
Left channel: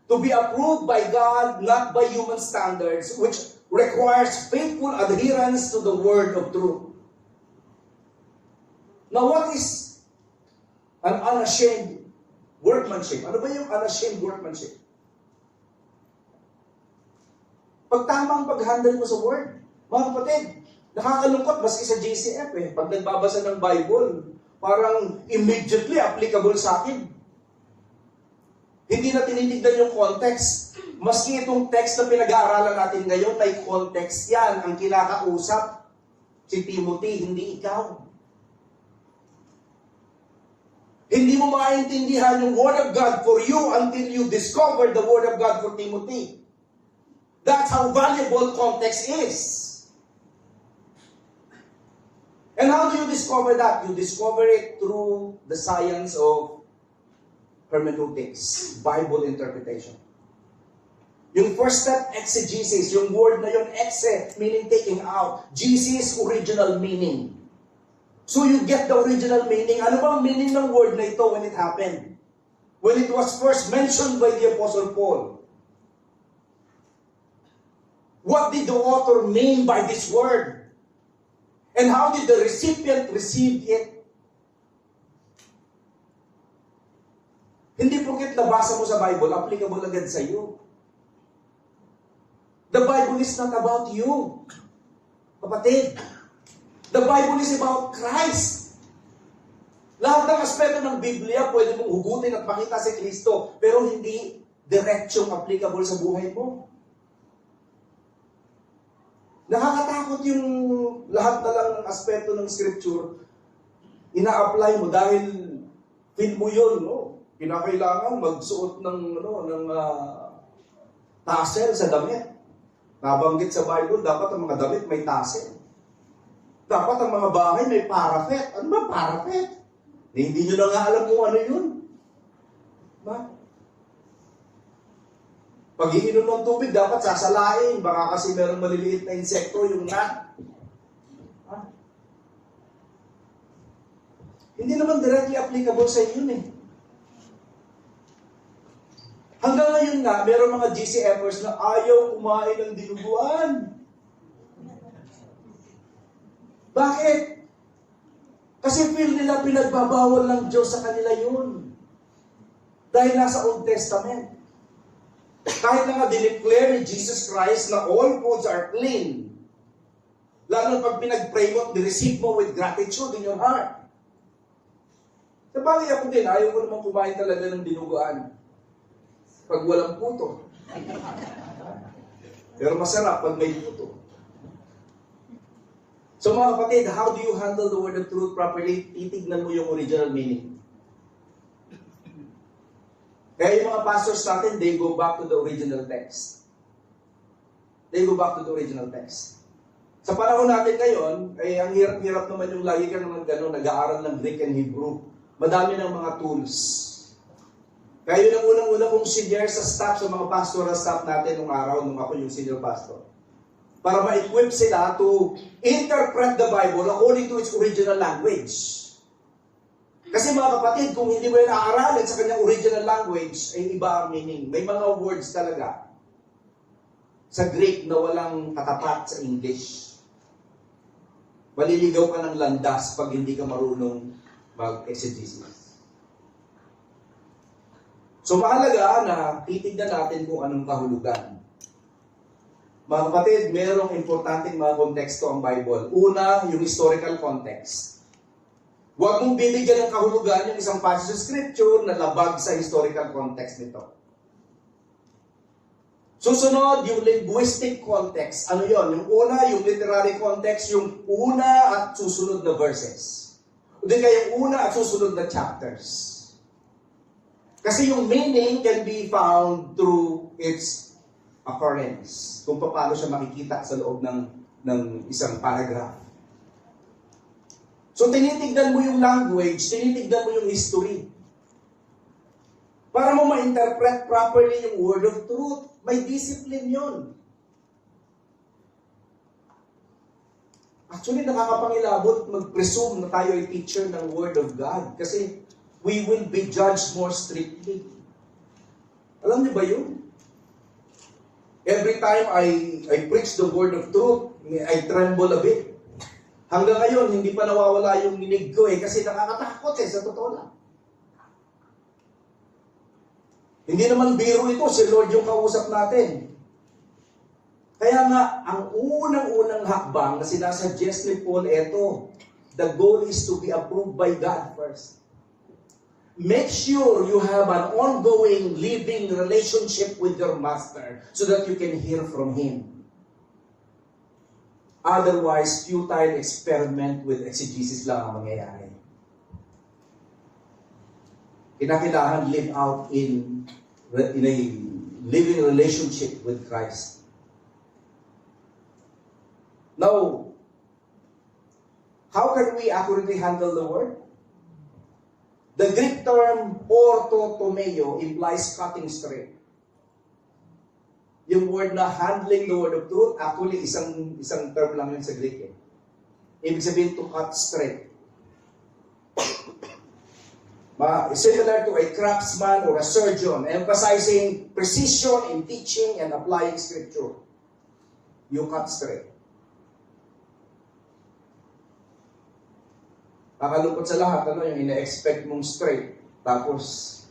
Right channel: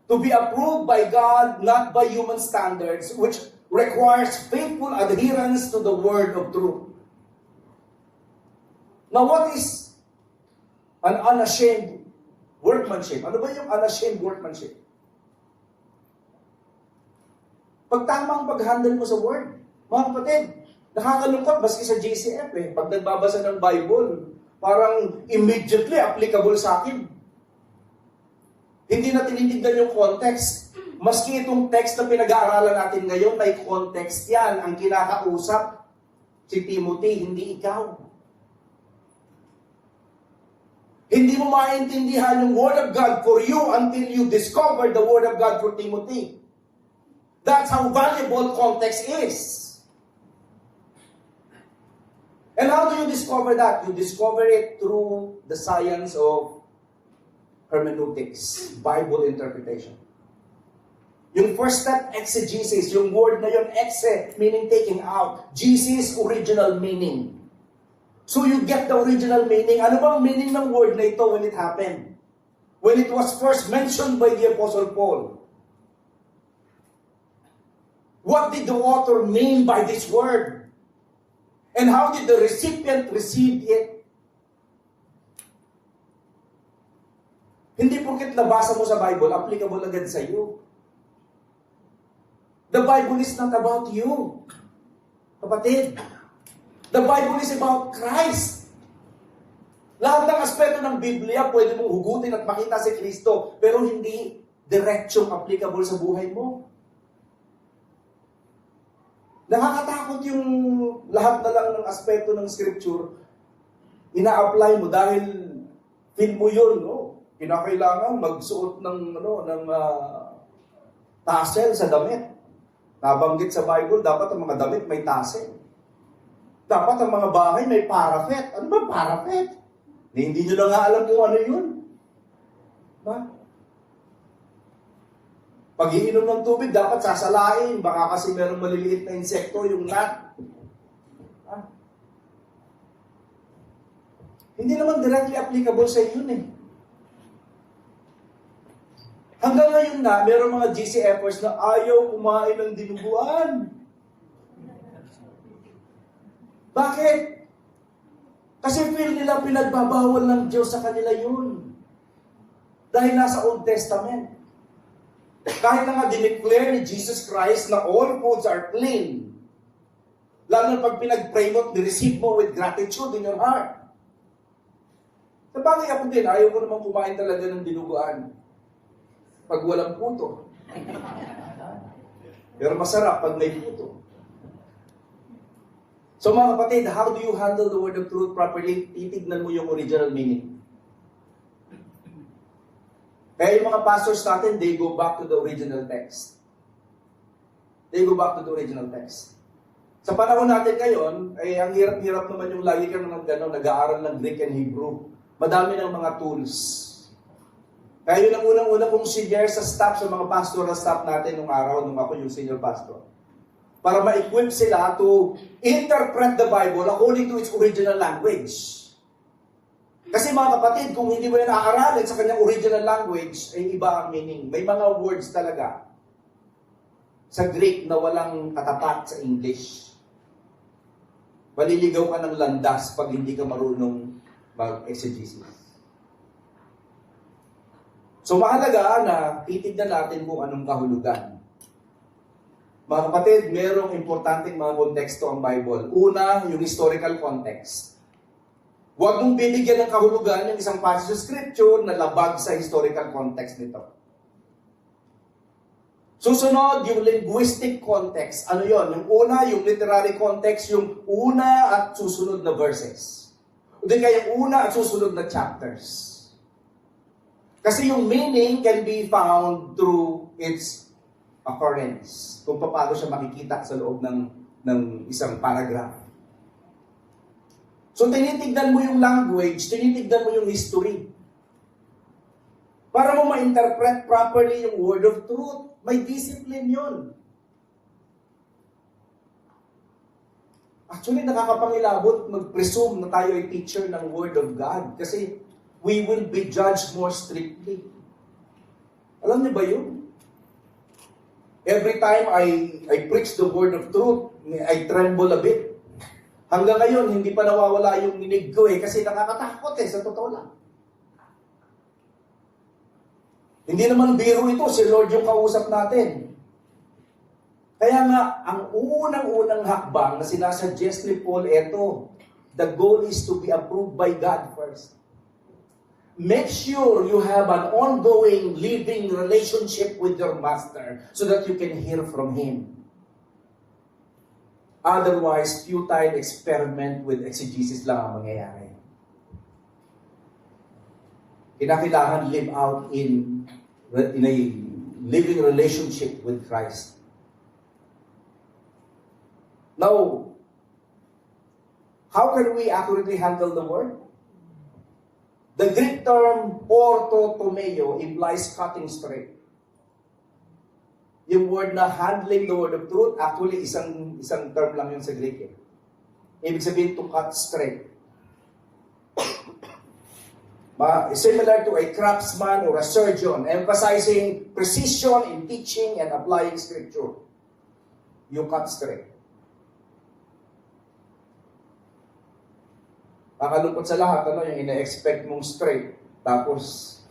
To be approved by God, not by human standards, which requires faithful adherence to the word of truth. Now, what is an unashamed workmanship? Ano ba yung unashamed workmanship? Pag tamang pag-handle mo sa word. Mga kapatid, nakakalungkot maski sa JCF eh. Pag nagbabasa ng Bible, parang immediately applicable sa akin. Hindi na tinitignan yung context. Maski itong text na pinag-aaralan natin ngayon, may context yan. Ang kinakausap, si Timothy, hindi ikaw. Hindi mo maintindihan yung Word of God for you until you discover the Word of God for Timothy. That's how valuable context is. And how do you discover that? You discover it through the science of hermeneutics, Bible interpretation. Yung first step, exegesis. Yung word na yun, exe, meaning taking out. Jesus, original meaning. So you get the original meaning. Ano ba ang meaning ng word na ito when it happened? When it was first mentioned by the Apostle Paul. What did the author mean by this word? And how did the recipient receive it? Hindi porket nabasa mo sa Bible, applicable agad sa iyo. The Bible is not about you. Kapatid, the Bible is about Christ. Lahat ng aspeto ng Biblia, pwede mong hugutin at makita si Kristo, pero hindi diretsong applicable sa buhay mo. Nakakatakot yung lahat na lang ng aspeto ng Scripture, ina-apply mo dahil feel mo yun, no? Kinakailangan magsuot ng tassel sa damit. Nabanggit sa Bible, dapat ang mga damit may tassel. Dapat ang mga bahay may parapet. Ano ba parapet? Hindi nyo na nga alam kung ano yun. Ba? Pag iinom ng tubig, dapat sasalain. Baka kasi meron maliliit na insekto, yung rat. Ah. Hindi naman directly applicable sa yun eh. Hanggang ngayon nga, meron mga GCFers na ayaw kumain ng dinuguan. Bakit? Kasi feel nila pinagbabawal ng Diyos sa kanila yun. Dahil nasa Old Testament. Kahit na nga dineclare ni Jesus Christ na all foods are clean. Lalo na pag pinag-pray mo, ni-receive mo with gratitude in your heart. Sa bagay ako din, ayaw ko naman kumain talaga ng dinuguan. Pag walang puto. Pero masarap pag may puto. So mga kapatid, how do you handle the word of truth properly? Titignan mo yung original meaning. Kaya yung mga pastors natin, they go back to the original text. They go back to the original text. Sa panahon natin ngayon, ay ang hirap-hirap naman yung lagi kang nag-aaral ng Greek and Hebrew. Madami ng mga tools. Kaya yun ang unang-una kong share sa staff, sa mga pastoral staff natin nung araw, nung ako yung senior pastor. Para ma-equip sila to interpret the Bible according to its original language. Kasi mga kapatid, kung hindi mo yan aaralin sa kanyang original language, ay iba ang meaning. May mga words talaga sa Greek na walang katapat sa English. Maliligaw ka ng landas pag hindi ka marunong mag-exegesis. So mahalaga na titignan natin kung anong kahulugan. Mga kapatid, merong importanteng mga konteksto ang Bible. Una, yung historical context. Huwag mong bibigyan ng kahulugan yung isang passage sa Scripture na labag sa historical context nito. Susunod, yung linguistic context. Ano yon? Yung una, yung literary context, yung una at susunod na verses. O di kaya una at susunod na chapters. Kasi yung meaning can be found through its occurrence. Kung paano siya makikita sa loob ng isang paragraph. So tinitignan mo yung language, tinitignan mo yung history. Para mo ma-interpret properly yung word of truth. May discipline yun. Actually, nakakapangilabot mag-presume na tayo ay teacher ng Word of God. Kasi we will be judged more strictly. Alam niyo ba yun? Every time I preach the Word of truth, I tremble a bit. Hanggang ngayon, hindi pa nawawala yung minig ko kasi nakakatakot sa totoo lang. Hindi naman biro ito, si Lord yung kausap natin. Kaya nga, ang unang-unang hakbang na sinasuggest ni Paul, eto, the goal is to be approved by God first. Make sure you have an ongoing, living relationship with your Master so that you can hear from Him. Otherwise, futile experiment with exegesis lang ang mangyayari. Kinakailangan live out in a living relationship with Christ. Now, how can we accurately handle the word? The Greek term orthotomeo implies cutting straight. Yung word na handling the word of truth, actually isang term lang yun sa Greek. Ibig sabihin to cut straight. Similar to a craftsman or a surgeon, emphasizing precision in teaching and applying scripture. You cut straight. Nakalungkot sa lahat, yung ina-expect mong straight, tapos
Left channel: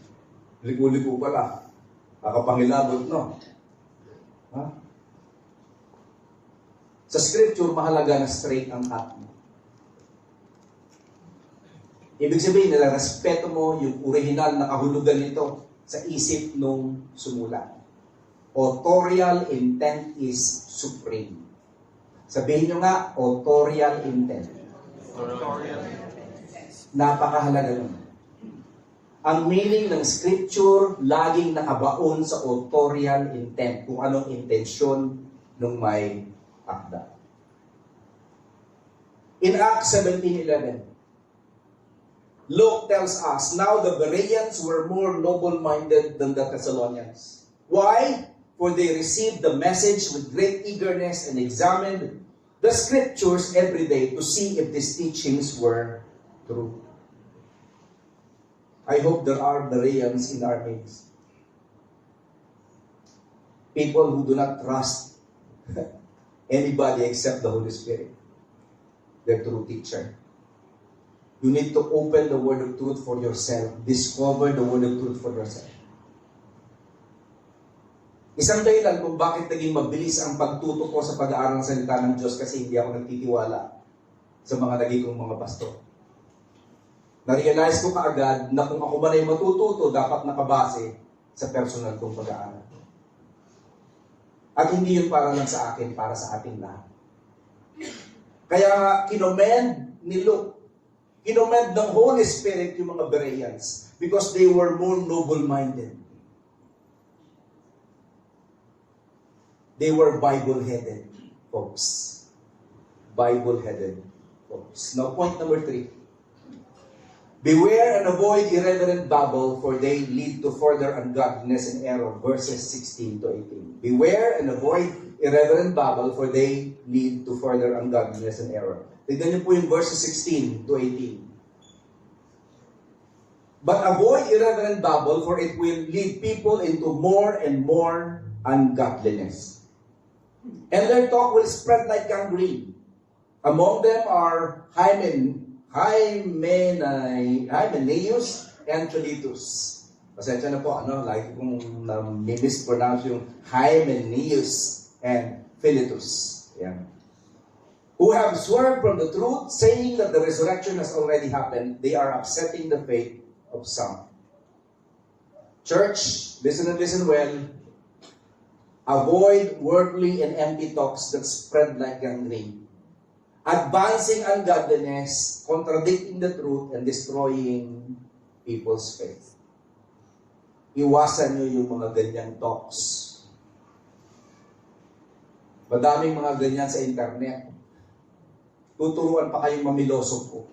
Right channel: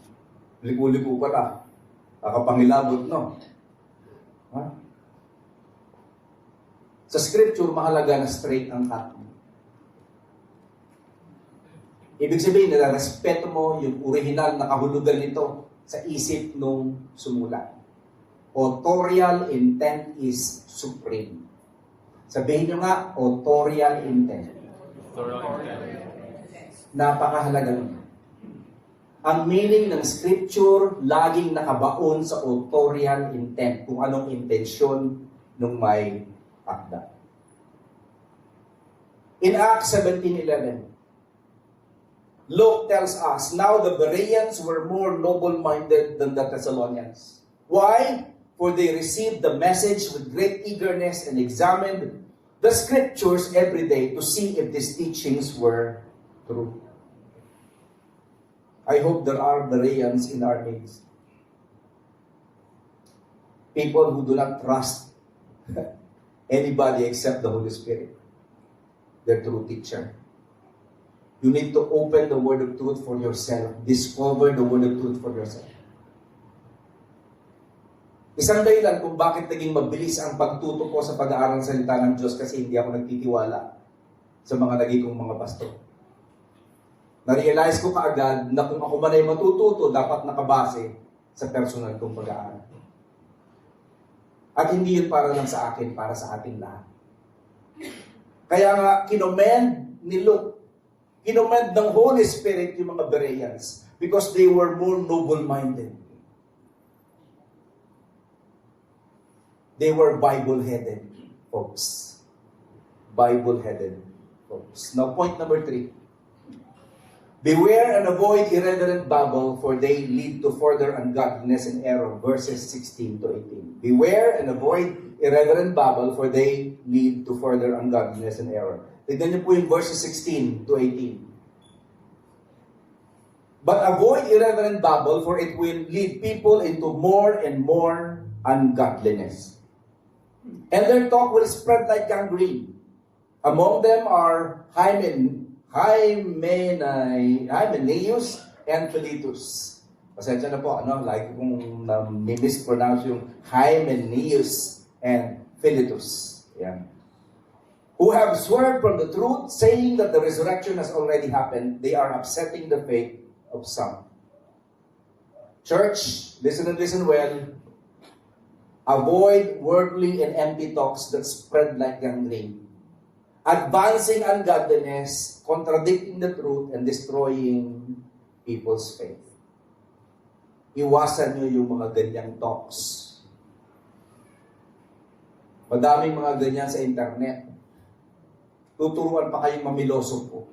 liku-liku pala. Nakapangilabot, no? Ha? Sa scripture, mahalaga na straight ang cut mo. Ibig sabihin, nalarespeto mo yung original na kahulugan nito sa isip nung sumulat. Authorial intent is supreme. Sabihin nyo nga, authorial intent. Napakahalaga nun. Ang meaning ng scripture, laging nakabaon sa authorial intent, kung anong intensyon ng may akda. In Acts 17:11, Luke tells us, now the Bereans were more noble-minded than the Thessalonians. Why? For they received the message with great eagerness and examined the scriptures every day to see if these teachings were true. I hope there are Bereans in our midst. People who do not trust anybody except the Holy Spirit, their true teacher. You need to open the word of truth for yourself. Discover the word of truth for yourself. Isang dahilan kung bakit naging mabilis ang pagtuto ko sa pag-aaral ng salita ng Diyos kasi hindi ako nagtitiwala sa mga naging kong mga pastor. Na-realize ko kaagad na kung ako man ay matututo, dapat nakabase sa personal kong pag-aaral. At hindi yun para lang sa akin, para sa ating lahat. Kaya nga, kinomend ni Luke, kinomend ng Holy Spirit yung mga Bereans because they were more noble-minded. They were Bible-headed folks. Bible-headed folks. Now, point number 3. Beware and avoid irreverent babble, for they lead to further ungodliness and error. Verses 16 to 18. Beware and avoid irreverent babble, for they lead to further ungodliness and error. Tignan niyo po yung verses 16 to 18. But avoid irreverent babble, for it will lead people into more and more ungodliness. And their talk will spread like gangrene. Among them are Hymenaeus and Philetus. Pasensya na po, like kung mispronounce yung Hymenaeus and Philetus. Yeah. Who have swerved from the truth, saying that the resurrection has already happened. They are upsetting the faith of some. Church, listen and listen well. Avoid worldly and empty talks that spread like gangrene. Advancing ungodliness, contradicting the truth, and destroying people's faith. Iwasan nyo yung mga ganyang talks. Madaming mga ganyan sa internet. Tuturuan pa kayong mamiloso po.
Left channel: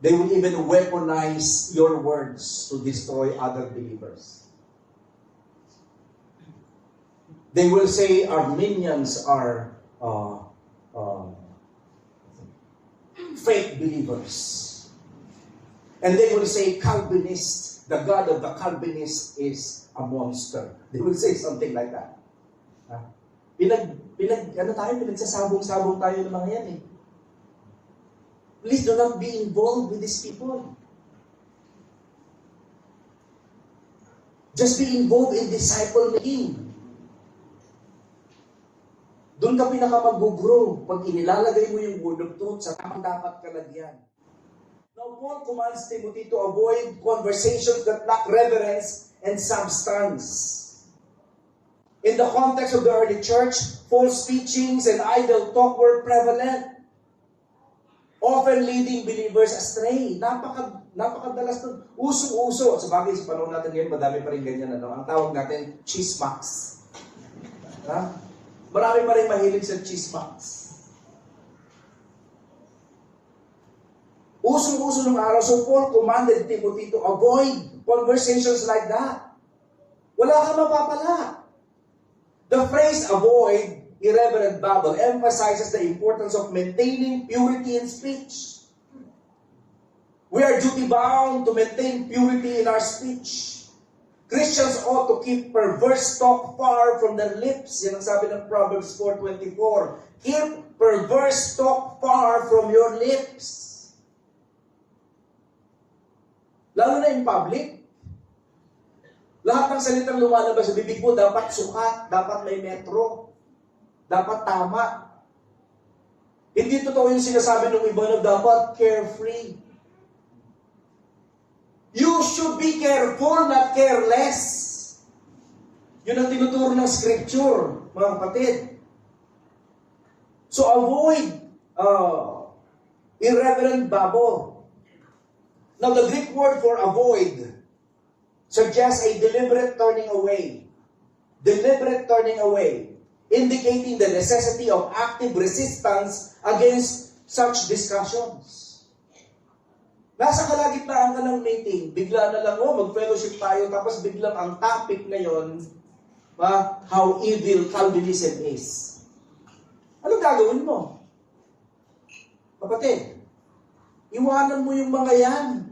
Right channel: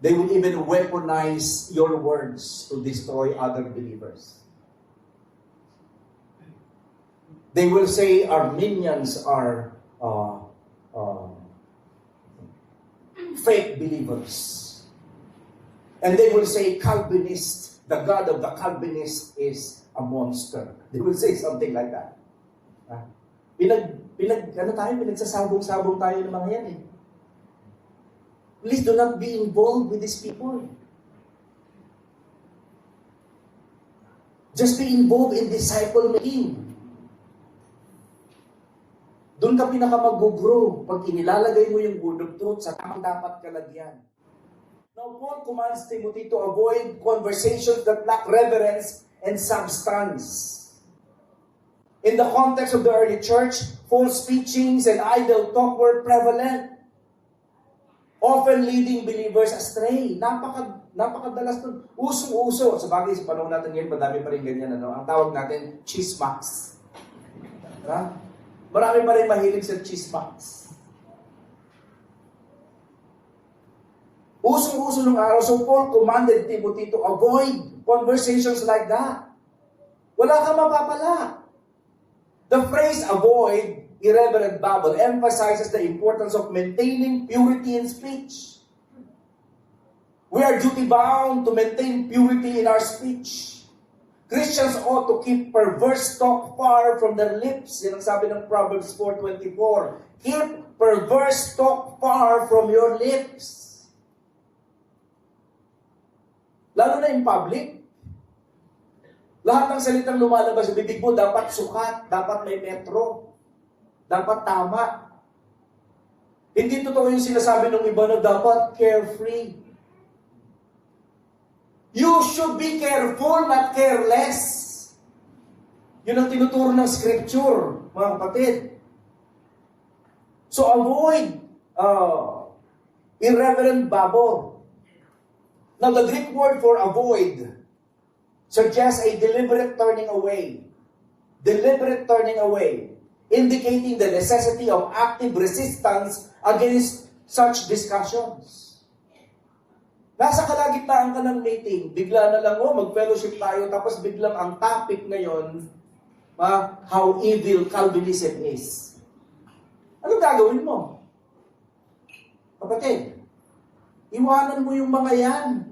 They will even weaponize your words to destroy other believers. They will say Arminians are fake believers. And they will say Calvinists, the God of the Calvinists is a monster. They will say something like that. Pinagsasabong-sabong tayo ng mga yan eh. Please do not be involved with these people. Just be involved in disciple making. Doon ka pinaka-mag-grow pag inilalagay mo yung word of truth sa tamang dapat kalagyan. Now, Paul commands Timothy to avoid conversations that lack reverence and substance. In the context of the early church, false teachings and idle talk were prevalent, often leading believers astray. Napakadalas nun. Uso-uso. Sa bagay, sa panahon natin ngayon, madami pa rin ganyan. Ang tawag natin, chismax. Marami pa rin mahilig sa chismax. Uso-uso ng araw. So Paul commanded Timothy to avoid conversations like that. Wala kang mapapala. The phrase avoid irreverent babble emphasizes the importance of maintaining purity in speech. We are duty-bound to maintain purity in our speech. Christians ought to keep perverse talk far from their lips. Yan ang sabi ng Proverbs 4:24. Keep perverse talk far from your lips. Lalo na in public. Lahat ng salitang lumalabas sa bibig mo, dapat sukat, dapat may metro. Dapat tama. Hindi totoo yung sinasabi ng iba na dapat carefree. You should be careful, not careless. Yun ang tinuturo ng scripture, mga kapatid. So avoid irreverent babble. Now the Greek word for avoid suggests a deliberate turning away. Deliberate turning away. Indicating the necessity of active resistance against such discussions. Nasa kalagitnaan ka ng meeting, bigla na lang, mag-fellowship tayo, tapos biglang ang topic ngayon, how evil Calvinism is. Anong gagawin mo? Kapatid, iwanan mo yung mga yan.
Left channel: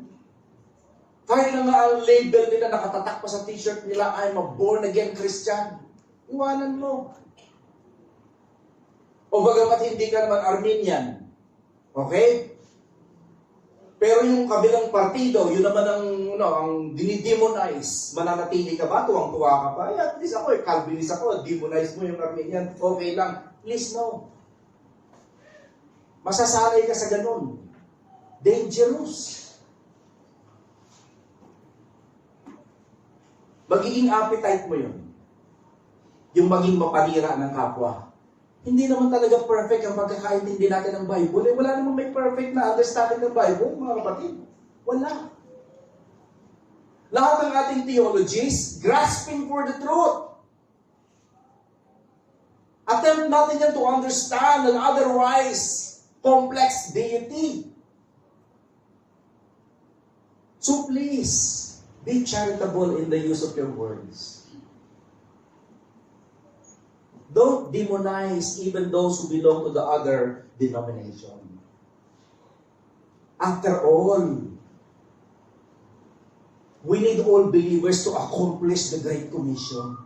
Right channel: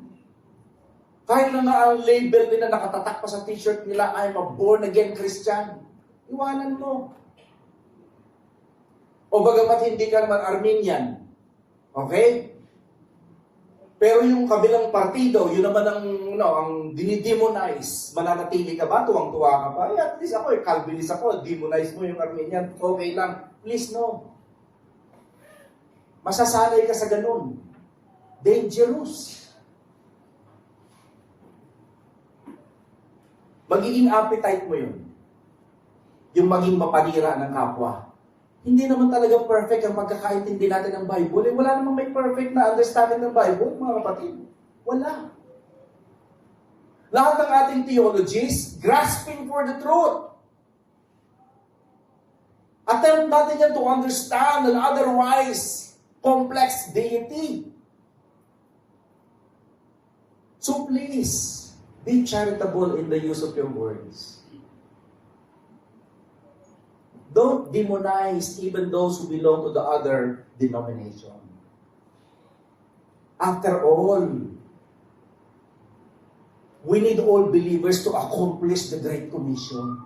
Kahit na nga ang label nila nakatatak pa sa t-shirt nila, I'm a born-again Christian. Iwanan mo. O bagamat hindi ka naman Arminian. Okay? Pero yung kabilang partido, yun naman ang dinidemonize. Mananatili ka ba? Tuwang-tuwa ka ba? At least ako, Calvinist ako. Demonize mo yung Arminian. Okay lang. Please no. Masasanay ka sa ganun. Dangerous. Magiging appetite mo yun. Yung maging mapanira ng kapwa. Hindi naman talaga perfect ang pagkakaintindi natin ng Bible. Wala namang may perfect na understanding ng Bible, mga kapatid. Wala. Lahat ng ating theologies, grasping for the truth. Attempt natin yan to understand an otherwise complex deity. So please, be charitable in the use of your words. Don't demonize even those who belong to the other denomination. After all, we need all believers to accomplish the Great Commission.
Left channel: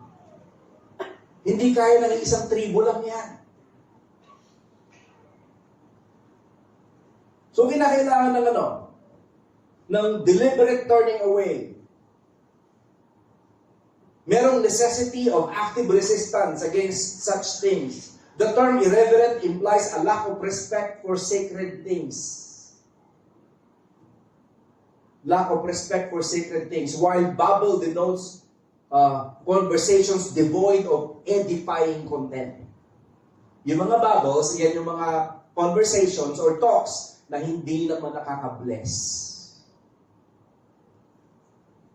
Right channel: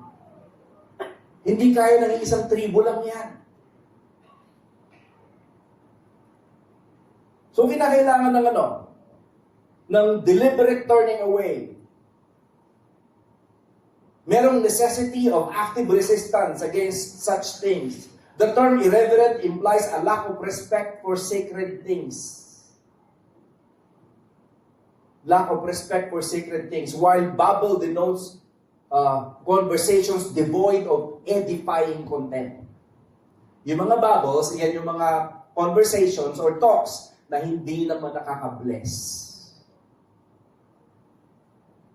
Hindi kaya ng isang tribo lang yan. So, kinakailangan ng ng deliberate turning away. Merong necessity of active resistance against such things. The term irreverent implies a lack of respect for sacred things. Lack of respect for sacred things. While babble denotes conversations devoid of edifying content. Yung mga babbles, yan yung mga conversations or talks na hindi naman nakaka-bless.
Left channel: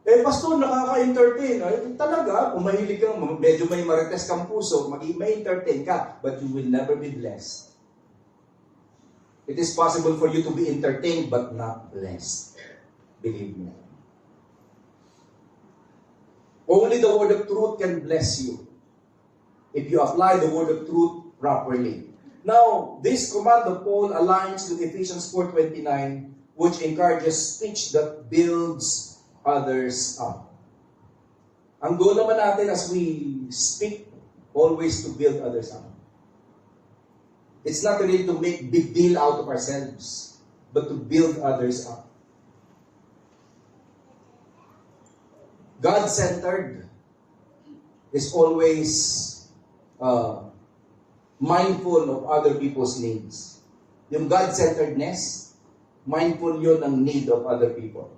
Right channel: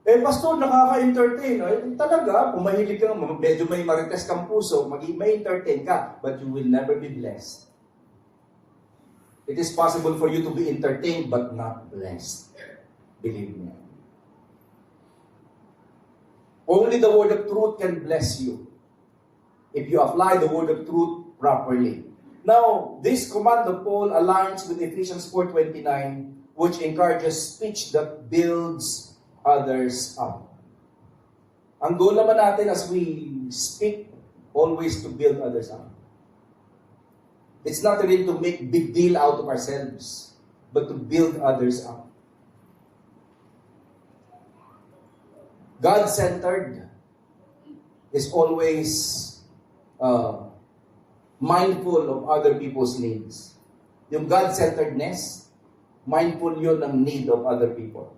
Pastor, nakaka-entertain. Ay, talaga, kung mahilig ka, medyo may marites kang puso, may entertain ka, but you will never be blessed. It is possible for you to be entertained, but not blessed. Believe me. Only the word of truth can bless you if you apply the word of truth properly. Now, this command of Paul aligns with Ephesians 4:29, which encourages speech that builds others up. Ang goal naman natin as we speak, always to build others up. It's not really to make big deal out of ourselves, but to build others up. God-centered is always mindful of other people's needs. Yung God-centeredness, mindful yun ng need of other people.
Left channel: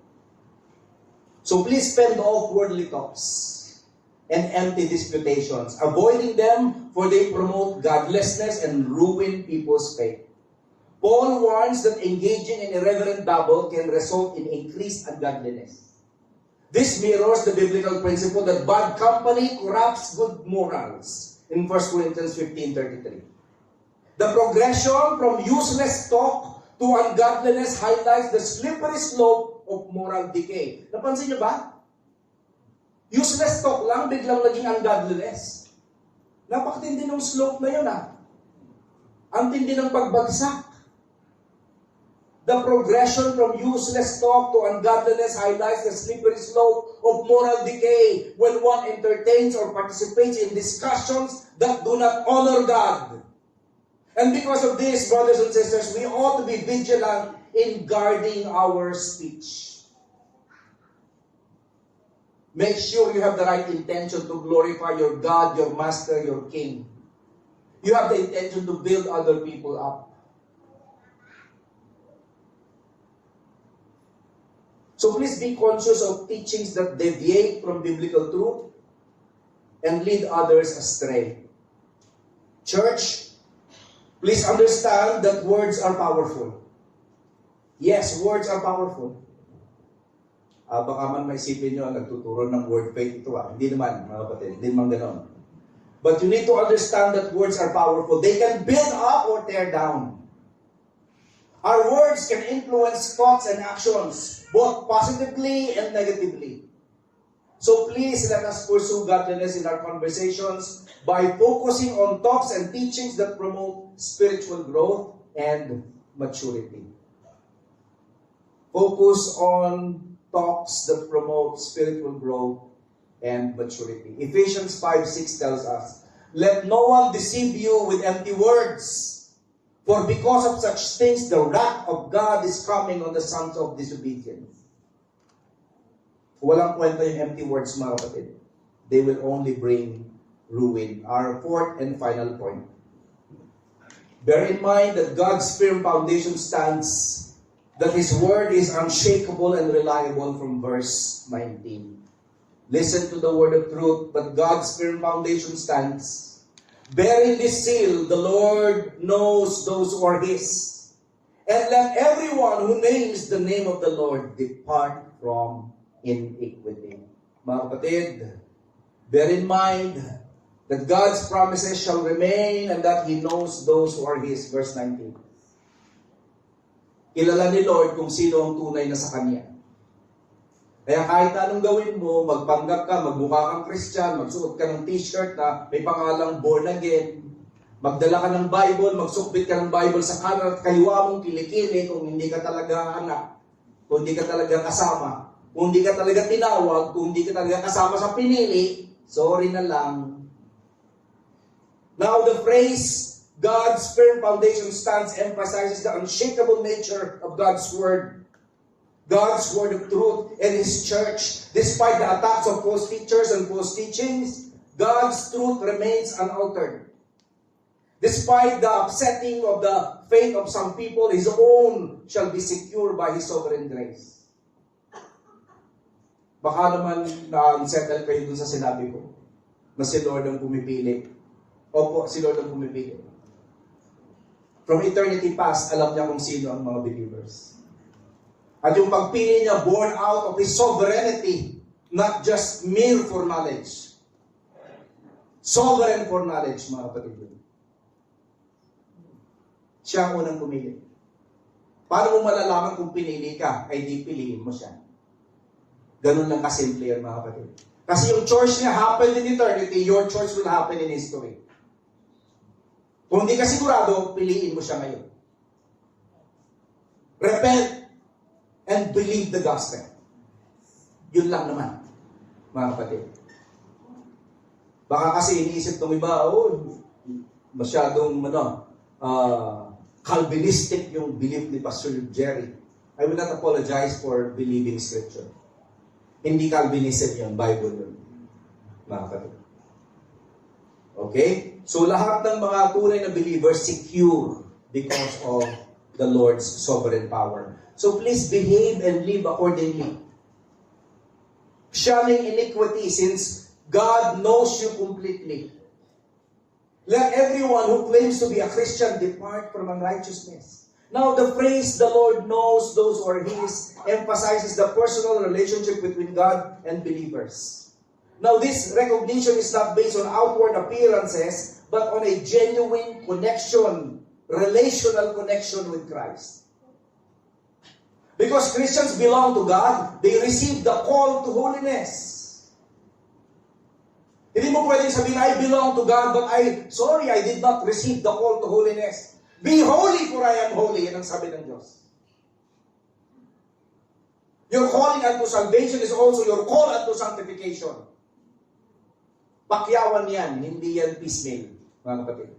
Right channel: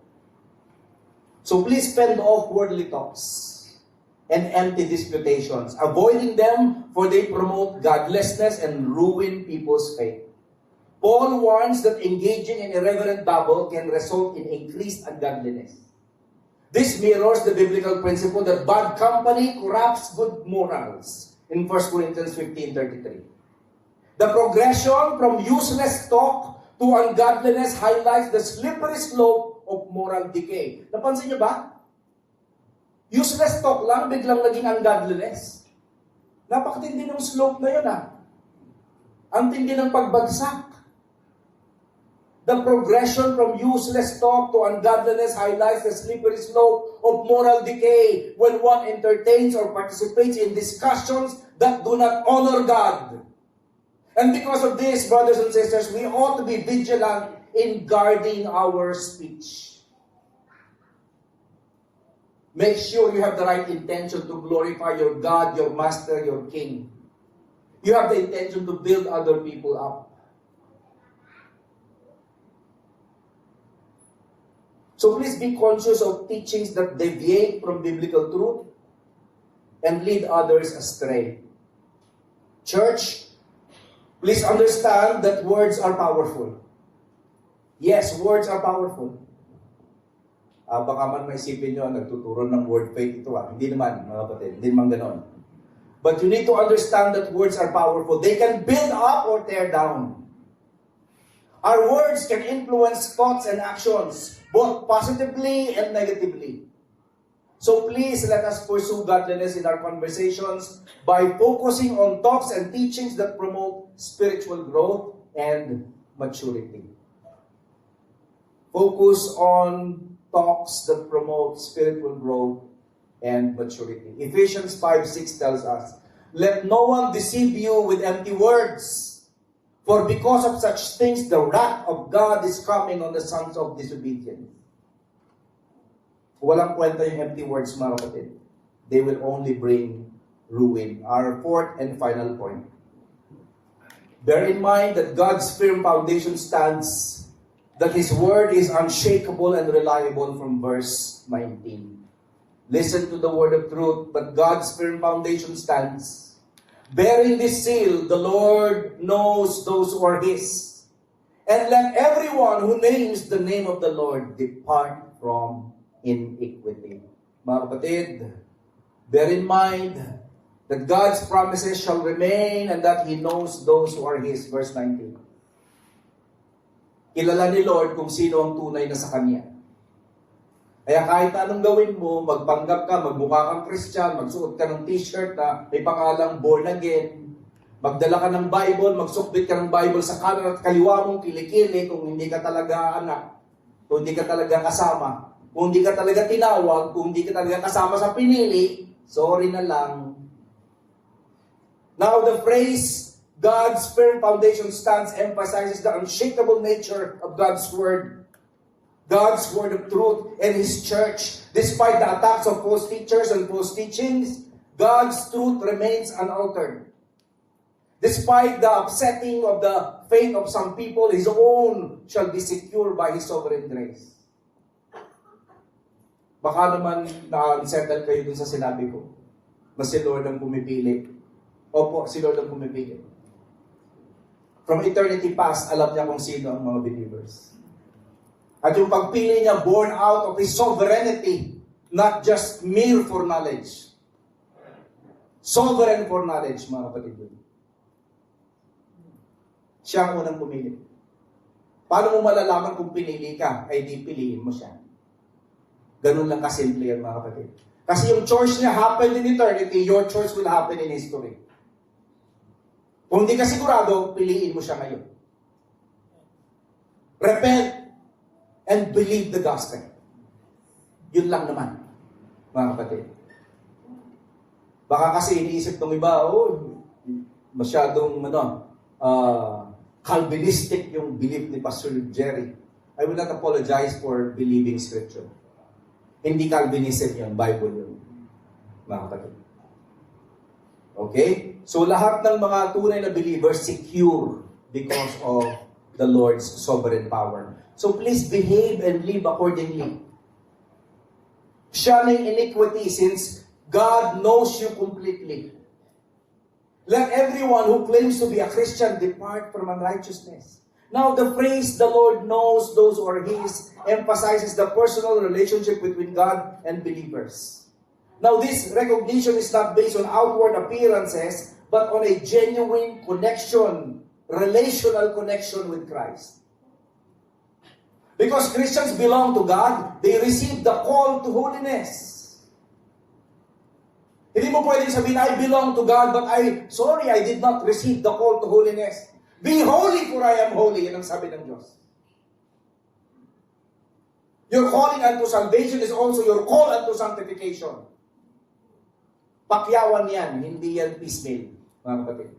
So please fend off worldly talks and empty disputations, avoiding them for they promote godlessness and ruin people's faith. Paul warns that engaging in irreverent babble can result in increased ungodliness. This mirrors the biblical principle that bad company corrupts good morals in 1 Corinthians 15:33. The progression from useless talk to ungodliness highlights the slippery slope of moral decay. Napansin niyo ba? Useless talk lang, biglang naging ungodliness. Napakatindi ng slope na yun Ang tindi ng pagbagsak. The progression from useless talk to ungodliness highlights the slippery slope of moral decay when one entertains or participates in discussions that do not honor God. And because of this, brothers and sisters, we ought to be vigilant in guarding our speech. Make sure you have the right intention to glorify your God, your Master, your King. You have the intention to build other people up. So please be conscious of teachings that deviate from biblical truth and lead others astray. Church, please understand that words are powerful. Yes, words are powerful. Baka man maisipin nyo, nagtuturo ng word faith ito. Hindi naman, mga kapatid. Hindi naman ganoon. But you need to understand that words are powerful. They can build up or tear down. Our words can influence thoughts and actions, both positively and negatively. So please let us pursue godliness in our conversations by focusing on talks and teachings that promote spiritual growth and maturity. Focus on talks that promote spiritual growth and maturity. Ephesians 5:6 tells us, "Let no one deceive you with empty words. For because of such things, the wrath of God is coming on the sons of disobedience." Walang kwenta yung empty words, mga kapatid. They will only bring ruin. Our fourth and final point. Bear in mind that God's firm foundation stands, that His word is unshakable and reliable from verse 19. Listen to the word of truth, but God's firm foundation stands. Bearing this seal, the Lord knows those who are His. And let everyone who names the name of the Lord depart from iniquity. Mga kapatid, bear in mind that God's promises shall remain and that He knows those who are His. Verse 19. Kilala ni Lord kung sino ang tunay na sa Kanya. Kaya kahit anong gawin mo, magpanggap ka, magmukha kang Christian, magsuot ka ng t-shirt na may pangalang born again, magdala ka ng Bible, magsukbit ka ng Bible sa kanan at kaliwa mong kilikili kung hindi ka talaga anak, kung hindi ka talaga kasama, kung hindi ka talaga tinawag, kung hindi ka talaga kasama sa pinili, sorry na lang. Now the phrase, God's firm foundation stands emphasizes the unshakable nature of God's word of truth, and His church. Despite the attacks of false teachers and false teachings, God's truth remains unaltered. Despite the upsetting of the faith of some people, His own shall be secure by His sovereign grace. Baka naman na-unsettle kayo dun sa sinabi ko, na si Lord ang pumipili. Opo, si Lord ang pumipili. From eternity past, alam niya kung sino ang mga believers. At yung pagpili niya, born out of His sovereignty, not just mere foreknowledge. Sovereign foreknowledge, mga kapatid. Siya ang unang pumili. Paano mo malalaman kung pinili ka, ay di piliin mo siya. Ganun lang kasimple yan, mga kapatid. Kasi yung choice niya happened in eternity, your choice will happen in history. Kung hindi ka sigurado, piliin mo siya ngayon. Repent and believe the gospel. Yun lang naman, mga kapatid. Baka kasi iniisip ng iba, masyadong Calvinistic yung belief ni Pastor Jerry. I will not apologize for believing Scripture. Hindi Calvinism yun, Bible yun, mga kapatid. Okay? So lahat ng mga tunay na believers secure because of the Lord's sovereign power. So please behave and live accordingly. Shunning iniquity, since God knows you completely. Let everyone who claims to be a Christian depart from unrighteousness. Now the phrase, the Lord knows those who are His, emphasizes the personal relationship between God and believers. Now this recognition is not based on outward appearances, but on a genuine connection, relational connection with Christ. Because Christians belong to God, they receive the call to holiness. Hindi mo pwedeng sabihin, I belong to God, but I did not receive the call to holiness. Be holy for I am holy, yan ang sabi ng Diyos. Your calling unto salvation is also your call unto sanctification. Pakyawan yan, hindi yan piecemeal, mga kapatid.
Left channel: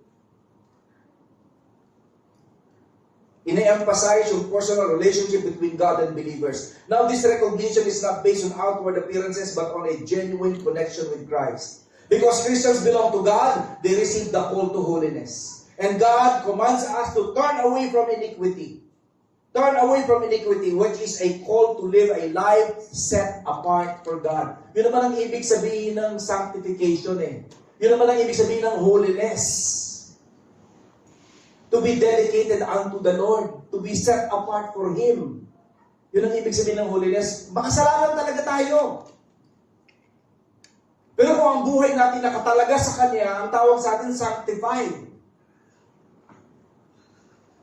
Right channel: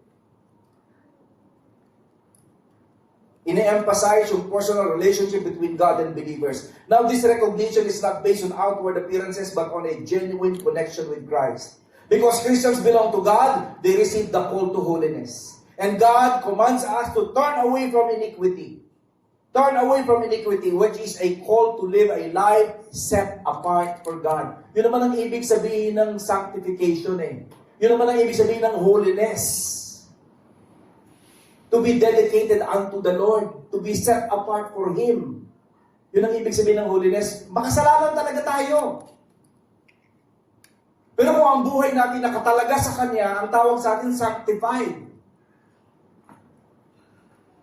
Ine-emphasize yung personal relationship between God and believers. Now, this recognition is not based on outward appearances, but on a genuine connection with Christ. Because Christians belong to God, they receive the call to holiness. And God commands us to turn away from iniquity. Turn away from iniquity, which is a call to live a life set apart for God. Yun naman ang ibig sabihin ng sanctification eh. Yun naman ang ibig sabihin ng holiness. To be dedicated unto the Lord, to be set apart for Him. Yun ang ibig sabihin ng holiness. Makasalanan talaga tayo. Pero kung ang buhay natin nakatalaga sa Kanya, ang tawag sa atin sanctified.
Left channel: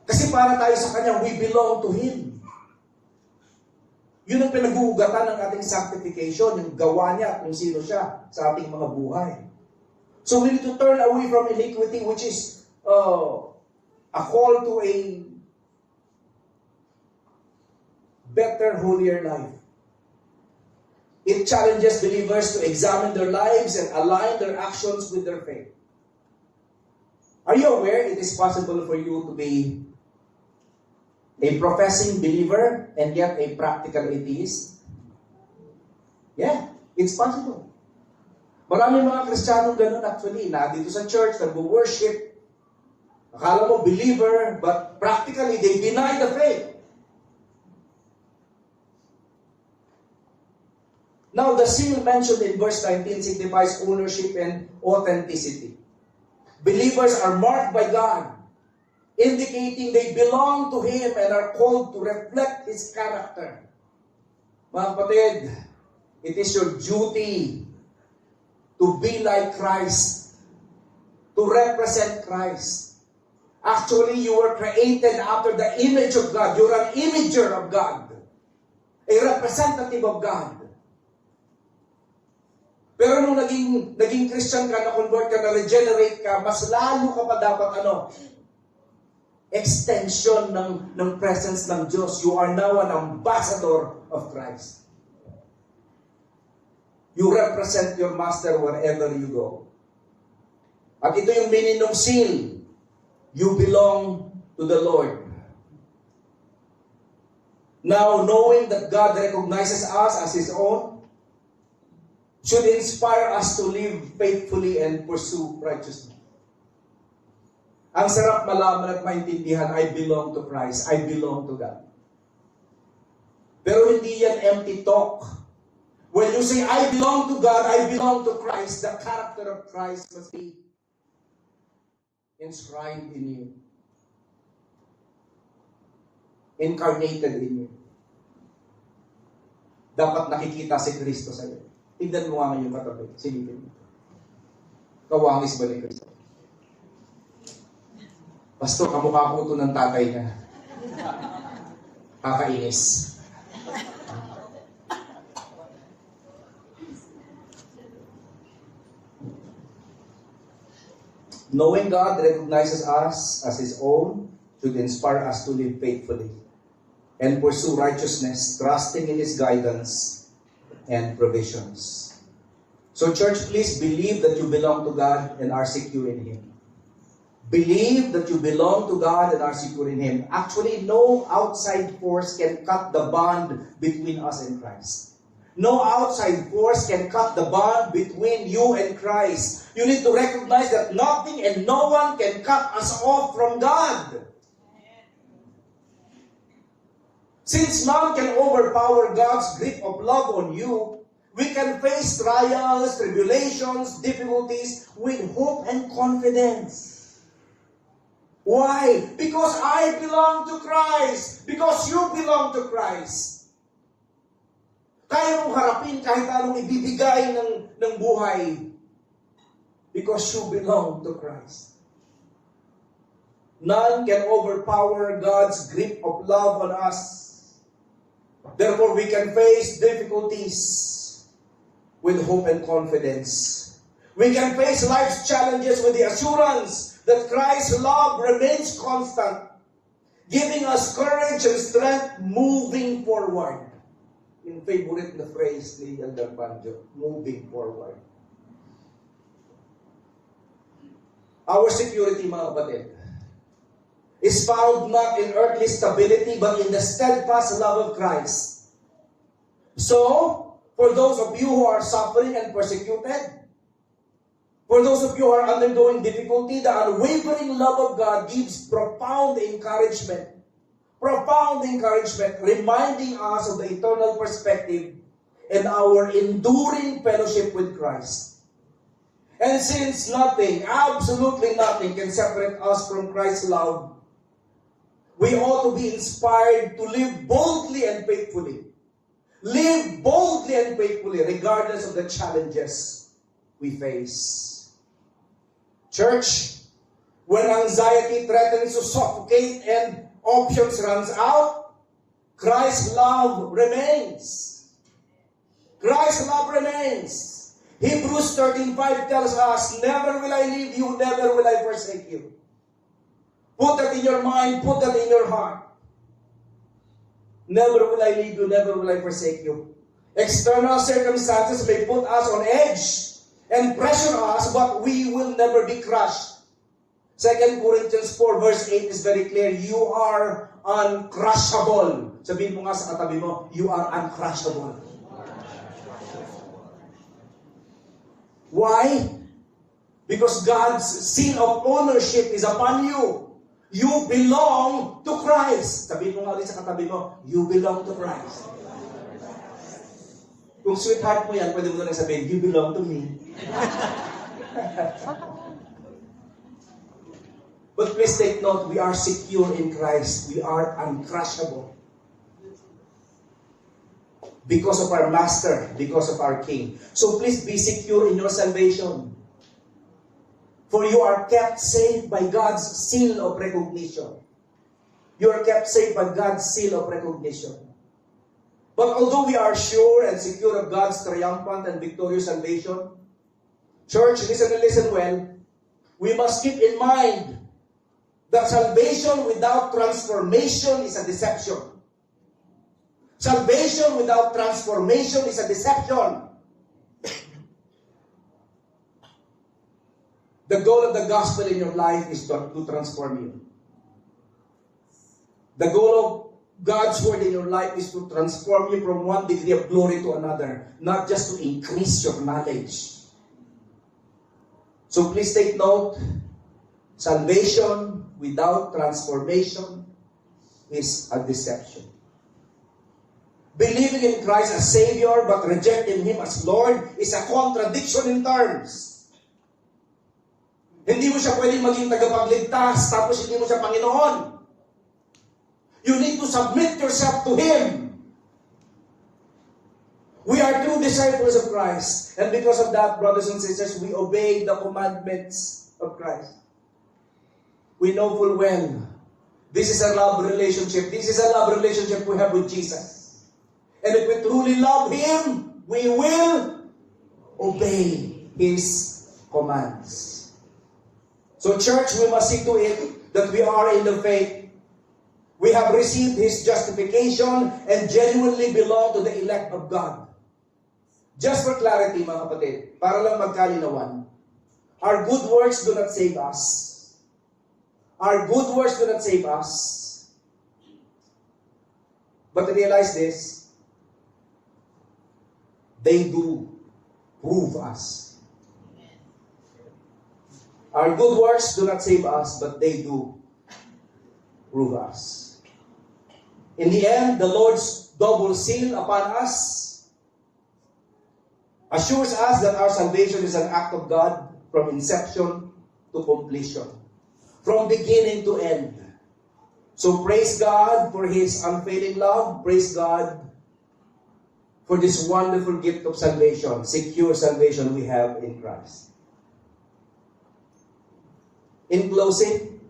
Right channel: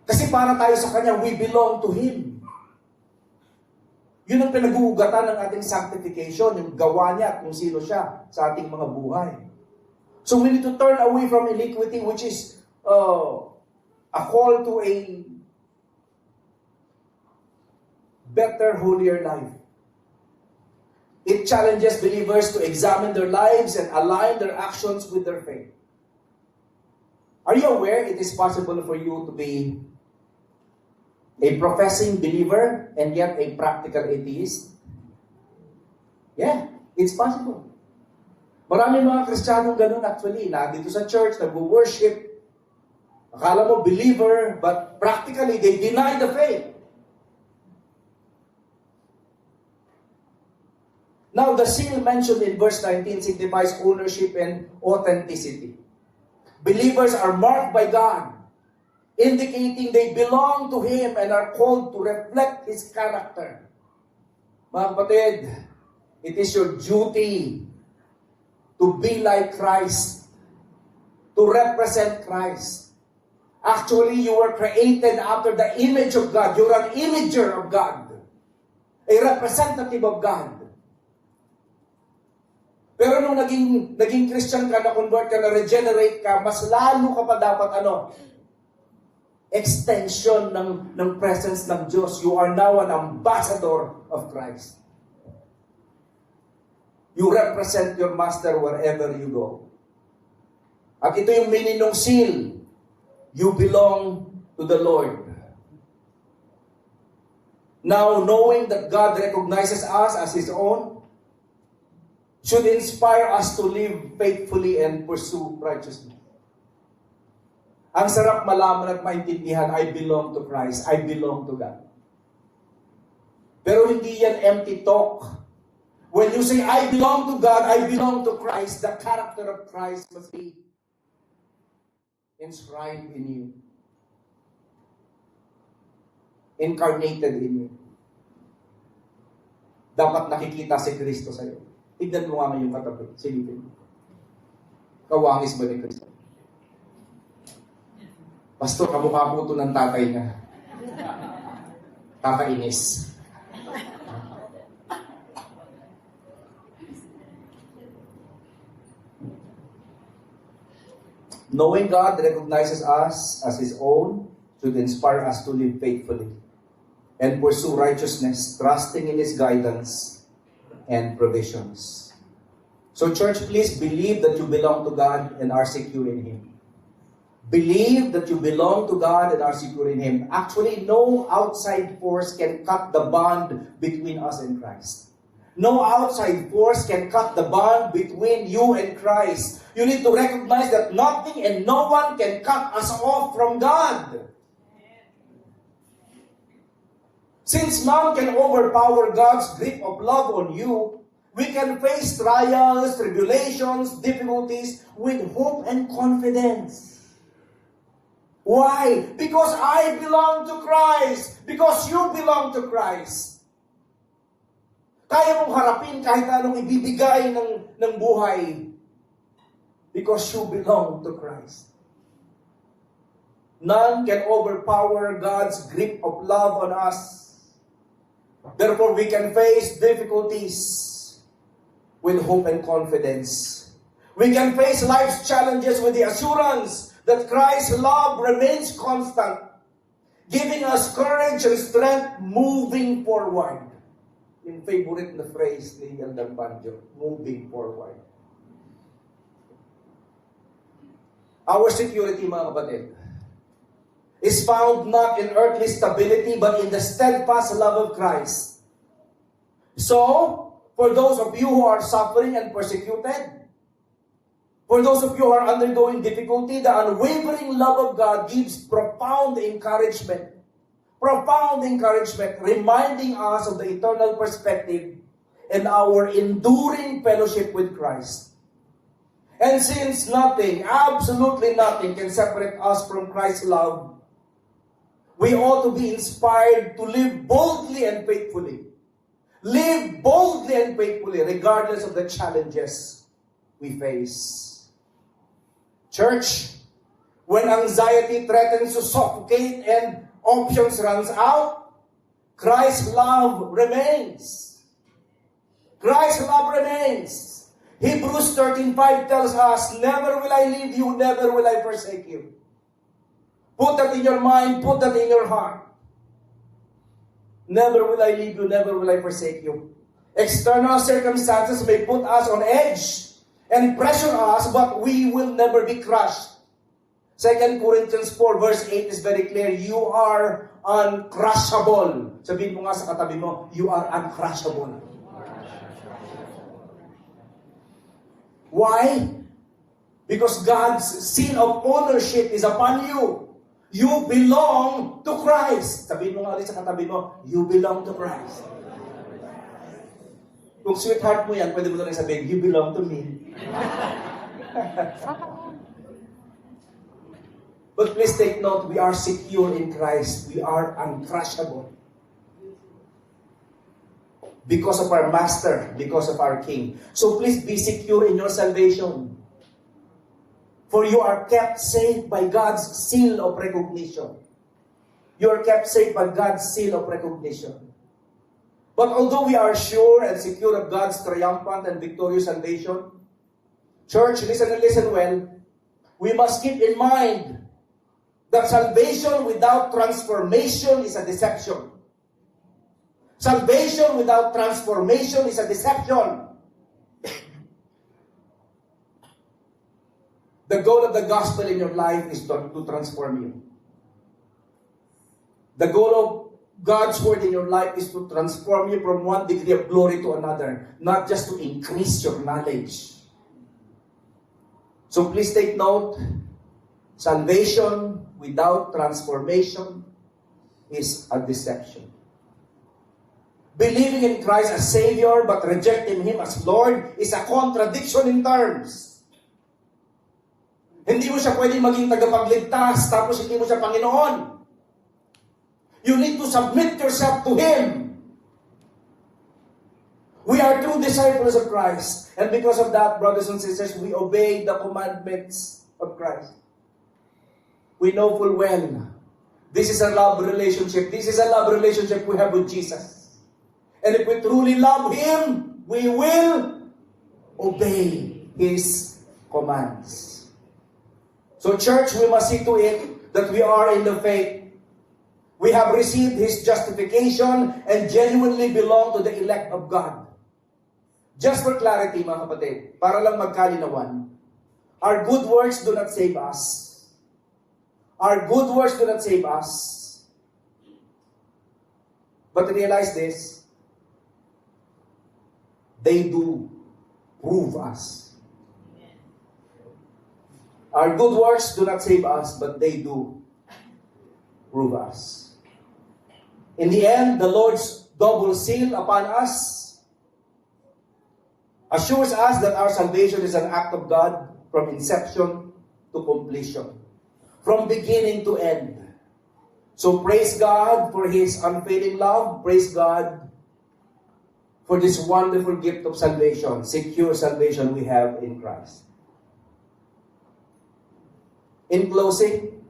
Kasi para tayo sa Kanya, we belong to Him. Yun ang pinag-uugatan ng ating sanctification, yung gawa niya at kung sino siya sa ating mga buhay. So we need to turn away from iniquity, which is a call to a better, holier life. It challenges believers to examine their lives and align their actions with their faith. Are you aware it is possible for you to be a professing believer and yet a practical atheist? Yeah, it's possible. Maraming mga Kristiyanong ganun actually, na dito sa church, nag-worship, akala mo believer, but practically they deny the faith. Now, the seal mentioned in verse 19 signifies ownership and authenticity. Believers are marked by God, indicating they belong to Him and are called to reflect His character. Mga kapatid, it is your duty to be like Christ, to represent Christ. Actually, you were created after the image of God. You're an imager of God, a representative of God. Pero nung naging Christian ka, na-convert ka, na-regenerate ka, mas lalo ka pa dapat extension ng presence ng Diyos. You are now an ambassador of Christ. You represent your master wherever you go. At ito yung meaning ng seal. You belong to the Lord. Now, knowing that God recognizes us as His own, should inspire us to live faithfully and pursue righteousness. Ang sarap malaman at maintindihan, I belong to Christ. I belong to God. Pero hindi yan empty talk. When you say, I belong to God, I belong to Christ, the character of Christ must be inscribed in you. Incarnated in you. Dapat nakikita si Kristo sa iyo. Tignan mo nga yung katabi. Silipin mo. Kawangis ba ni Kristo? Pastor, kamukha po ito ng tatay niya. Kakainis. Knowing God recognizes us as His own should inspire us to live faithfully and pursue righteousness, trusting in His guidance and provisions. So church, please believe that you belong to God and are secure in Him. Believe that you belong to God and are secure in Him. Actually, no outside force can cut the bond between us and Christ. No outside force can cut the bond between you and Christ. You need to recognize that nothing and no one can cut us off from God. Since none can overpower God's grip of love on you, we can face trials, tribulations, difficulties with hope and confidence. Why? Because I belong to Christ. Because you belong to Christ. Kaya mong harapin kahit anong ibibigay ng buhay. Because you belong to Christ. None can overpower God's grip of love on us. Therefore, we can face difficulties with hope and confidence. We can face life's challenges with the assurance that Christ's love remains constant, giving us courage and strength moving forward. Yung favorite na phrase ni Elder Banjo, moving forward. Our security, mga kapatid, is found not in earthly stability, but in the steadfast love of Christ. So, for those of you who are suffering and persecuted, for those of you who are undergoing difficulty, the unwavering love of God gives profound encouragement, reminding us of the eternal perspective and our enduring fellowship with Christ. And since nothing, absolutely nothing, can separate us from Christ's love, we ought to be inspired to live boldly and faithfully. Live boldly and faithfully, regardless of the challenges we face. Church, when anxiety threatens to suffocate and options runs out, Christ's love remains. Christ's love remains. Hebrews 13:5 tells us, never will I leave you, never will I forsake you. Put that in your mind, put that in your heart. Never will I leave you, never will I forsake you. External circumstances may put us on edge and pressure us, but we will never be crushed. 2 Corinthians 4 verse 8 is very clear. You are uncrushable. Sabihin mo nga sa katabi mo, you are uncrushable. Why? Because God's seal of ownership is upon you. You belong to Christ. Sabihin mo nga rin sa katabi mo, you belong to Christ. Kung sweetheart mo yan, pwede mo na sabihin, you belong to me. But please take note, we are secure in Christ. We are uncrushable. Because of our Master, because of our King. So please be secure in your salvation. For you are kept safe by God's seal of recognition. You are kept safe by God's seal of recognition. But although we are sure and secure of God's triumphant and victorious salvation, Church, listen and listen well. We must keep in mind that salvation without transformation is a deception. Salvation without transformation is a deception. The goal of the gospel in your life is to transform you. The goal of God's word in your life is to transform you from one degree of glory to another, not just to increase your knowledge. So please take note, salvation without transformation is a deception. Believing in Christ as Savior but rejecting Him as Lord is a contradiction in terms. Hindi mo siya pwedeng maging tagapagligtas tapos hindi mo siya Panginoon. You need to submit yourself to Him. We are true disciples of Christ. And because of that, brothers and sisters, we obey the commandments of Christ. We know full well, this is a love relationship. This is a love relationship we have with Jesus. And if we truly love Him, we will obey His commands. So church, we must see to it that we are in the faith. We have received His justification and genuinely belong to the elect of God. Just for clarity, mga kapatid, para lang magkalinawan, our good works do not save us. Our good works do not save us. But realize this, they do prove us. Our good works do not save us, but they do prove us. In the end, the Lord's double seal upon us assures us that our salvation is an act of God from inception to completion, from beginning to end. So praise God for His unfailing love. Praise God for this wonderful gift of salvation, secure salvation we have in Christ. In closing,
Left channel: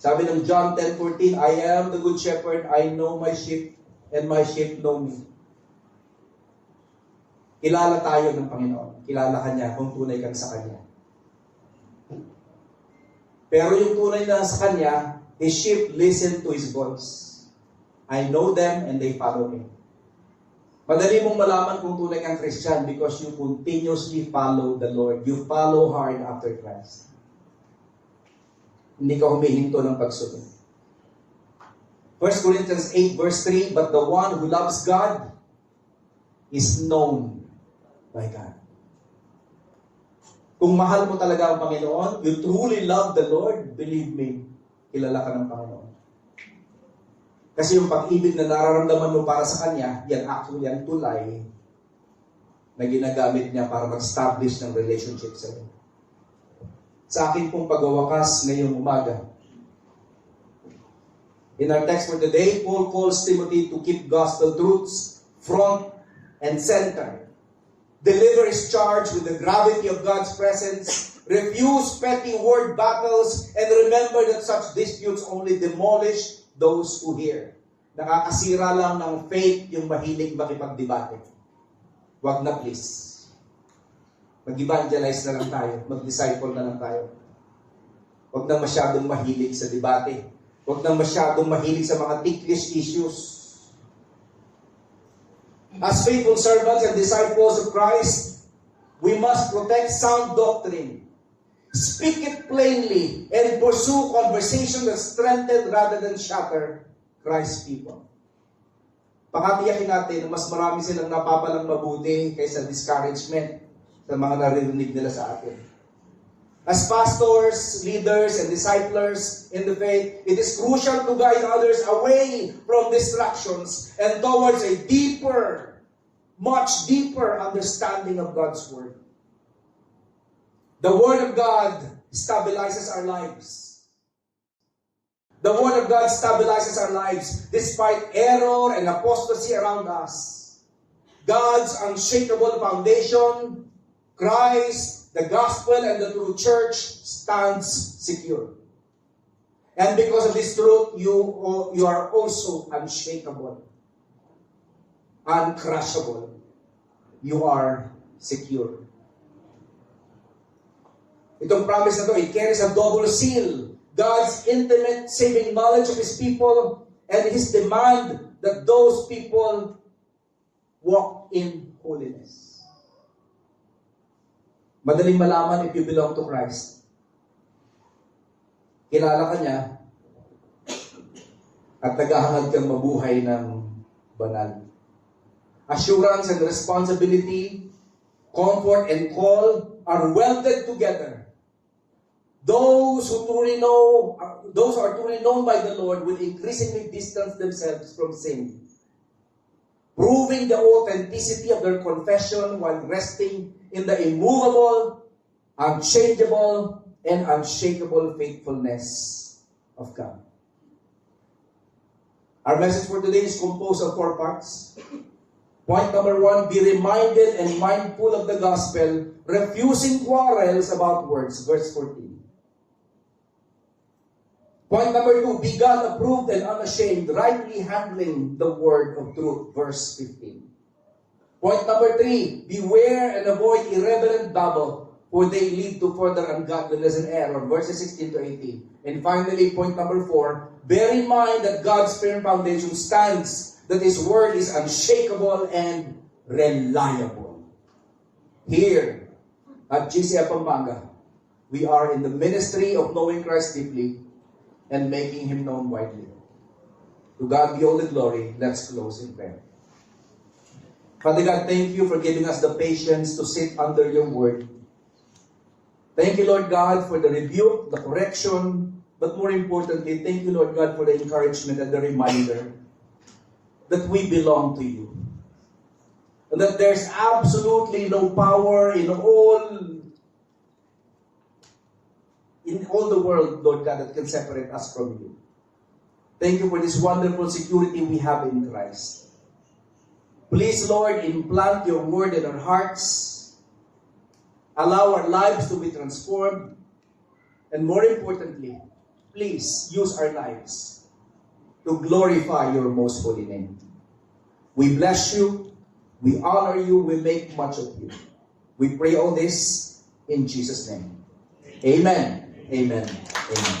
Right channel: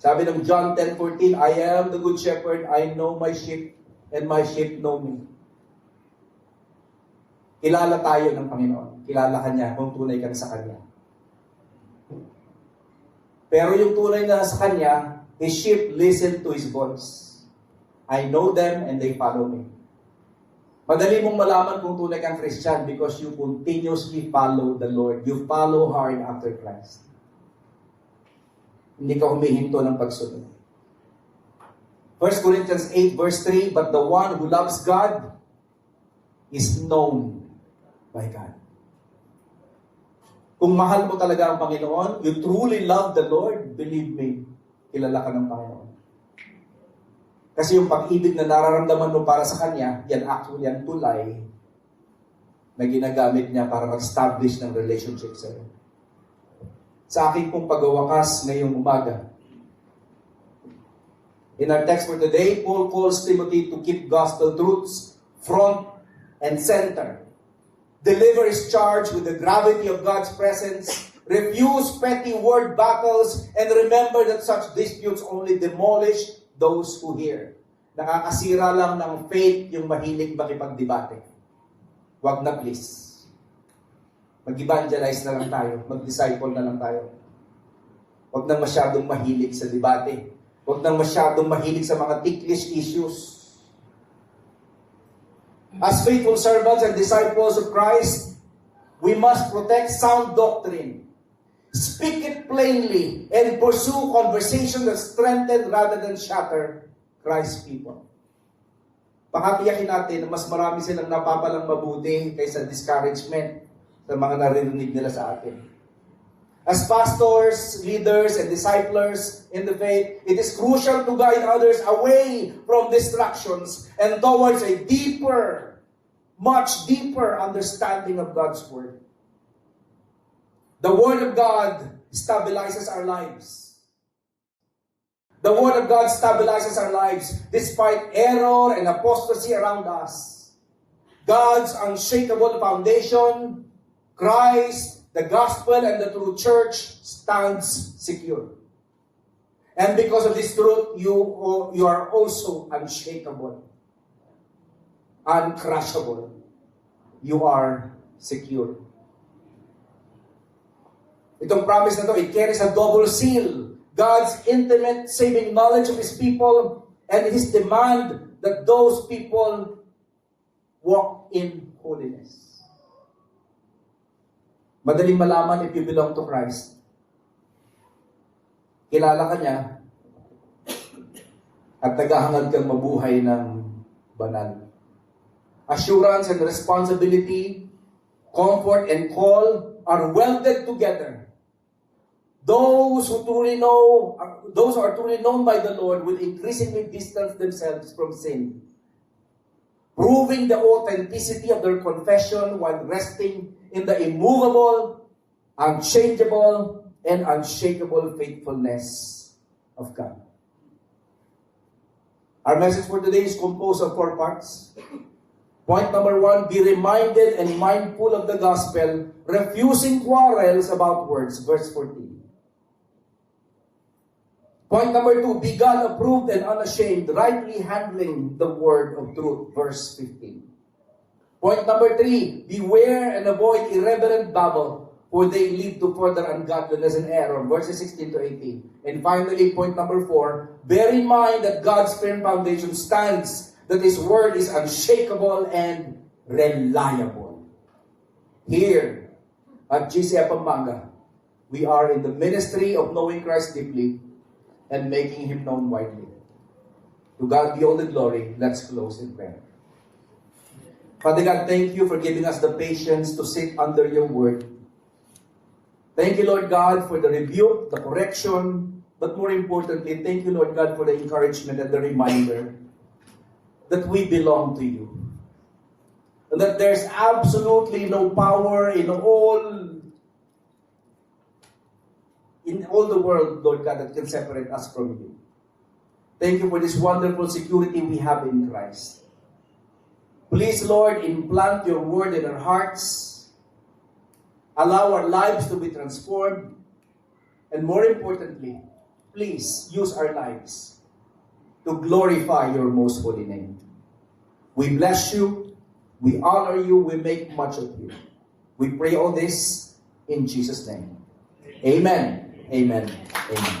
sabi ng John 10:14, I am the good shepherd, I know my sheep, and my sheep know me. Kilala tayo ng Panginoon. Kilala ka niya kung tunay ka sa Kanya. Pero yung tunay na sa Kanya, His sheep listen to His voice. I know them and they follow me. Madali mong malaman kung tunay kang Christian because you continuously follow the Lord. You follow hard after Christ. Hindi ka humihinto ng pagsunod. 1 Corinthians 8 verse 3, but the one who loves God is known by God. Kung mahal mo talaga ang Panginoon, you truly love the Lord, believe me, kilala ka ng Panginoon. Kasi yung pag-ibig na nararamdaman mo para sa Kanya, yan actually ang tulay na ginagamit niya para mag-establish ng relationship sa iyo. Sa akin pong pagwawakas ngayong umaga, in our text for today, Paul calls Timothy to keep gospel truths front and center. Deliver his charge with the gravity of God's presence. Refuse petty word battles and remember that such disputes only demolish those who hear. Nakakasira lang ng faith yung mahilig makipagdebate. Wag na please. Mag-evangelize na lang tayo. Mag-disciple na lang tayo. Wag na masyadong mahilig sa debate. Wag na masyadong mahilig sa mga ticklish issues. As faithful servants and disciples of Christ, we must protect sound doctrine. Speak it plainly and pursue conversation that strengthen rather than shatter Christ's people. Pakatiyakin natin na mas marami silang napapalang mabuti kaysa discouragement sa mga naririnig nila sa atin. As pastors, leaders, and disciplers in the faith, it is crucial to guide others away from distractions and towards a deeper, much deeper understanding of God's Word. The Word of God stabilizes our lives. The Word of God stabilizes our lives despite error and apostasy around us. God's unshakable foundation, Christ, the gospel, and the true church stands secure. And because of this truth, you are also unshakable, uncrushable. You are secure. Itong promise na to, it carries a double seal. God's intimate saving knowledge of His people and His demand that those people walk in holiness. Madaling malaman if you belong to Christ. Kilala ka niya at naghahangad kang mabuhay ng banal. Assurance and responsibility, comfort and call are welded together. Those who are truly known by the Lord will increasingly distance themselves from sin, proving the authenticity of their confession while resting in the immovable, unchangeable, and unshakable faithfulness of God. Our message for today is composed of 4 parts. Point number 1, be reminded and mindful of the gospel, refusing quarrels about words. Verse 14. Point number 2, be God-approved and unashamed, rightly handling the word of truth. Verse 15. Point number 3, beware and avoid irreverent babble, for they lead to further ungodliness and error. Verses 16 to 18. And finally, point number 4, bear in mind that God's firm foundation stands, that His word is unshakable and reliable. Here at GCF Pampanga, we are in the ministry of knowing Christ deeply and making Him known widely. To God be all the glory. Let's close in prayer. Father God, thank you for giving us the patience to sit under your word. Thank you, Lord God, for the rebuke, the correction, but more importantly, thank you, Lord God, for the encouragement and the reminder that we belong to you. And that there's absolutely no power in all the world, Lord God, that can separate us from you. Thank you for this wonderful security we have in Christ. Please, Lord, implant your word in our hearts. Allow our lives to be transformed. And more importantly, please use our lives to glorify your most holy name. We bless you. We honor you. We make much of you. We pray all this in Jesus' name. Amen. Amen. Amen.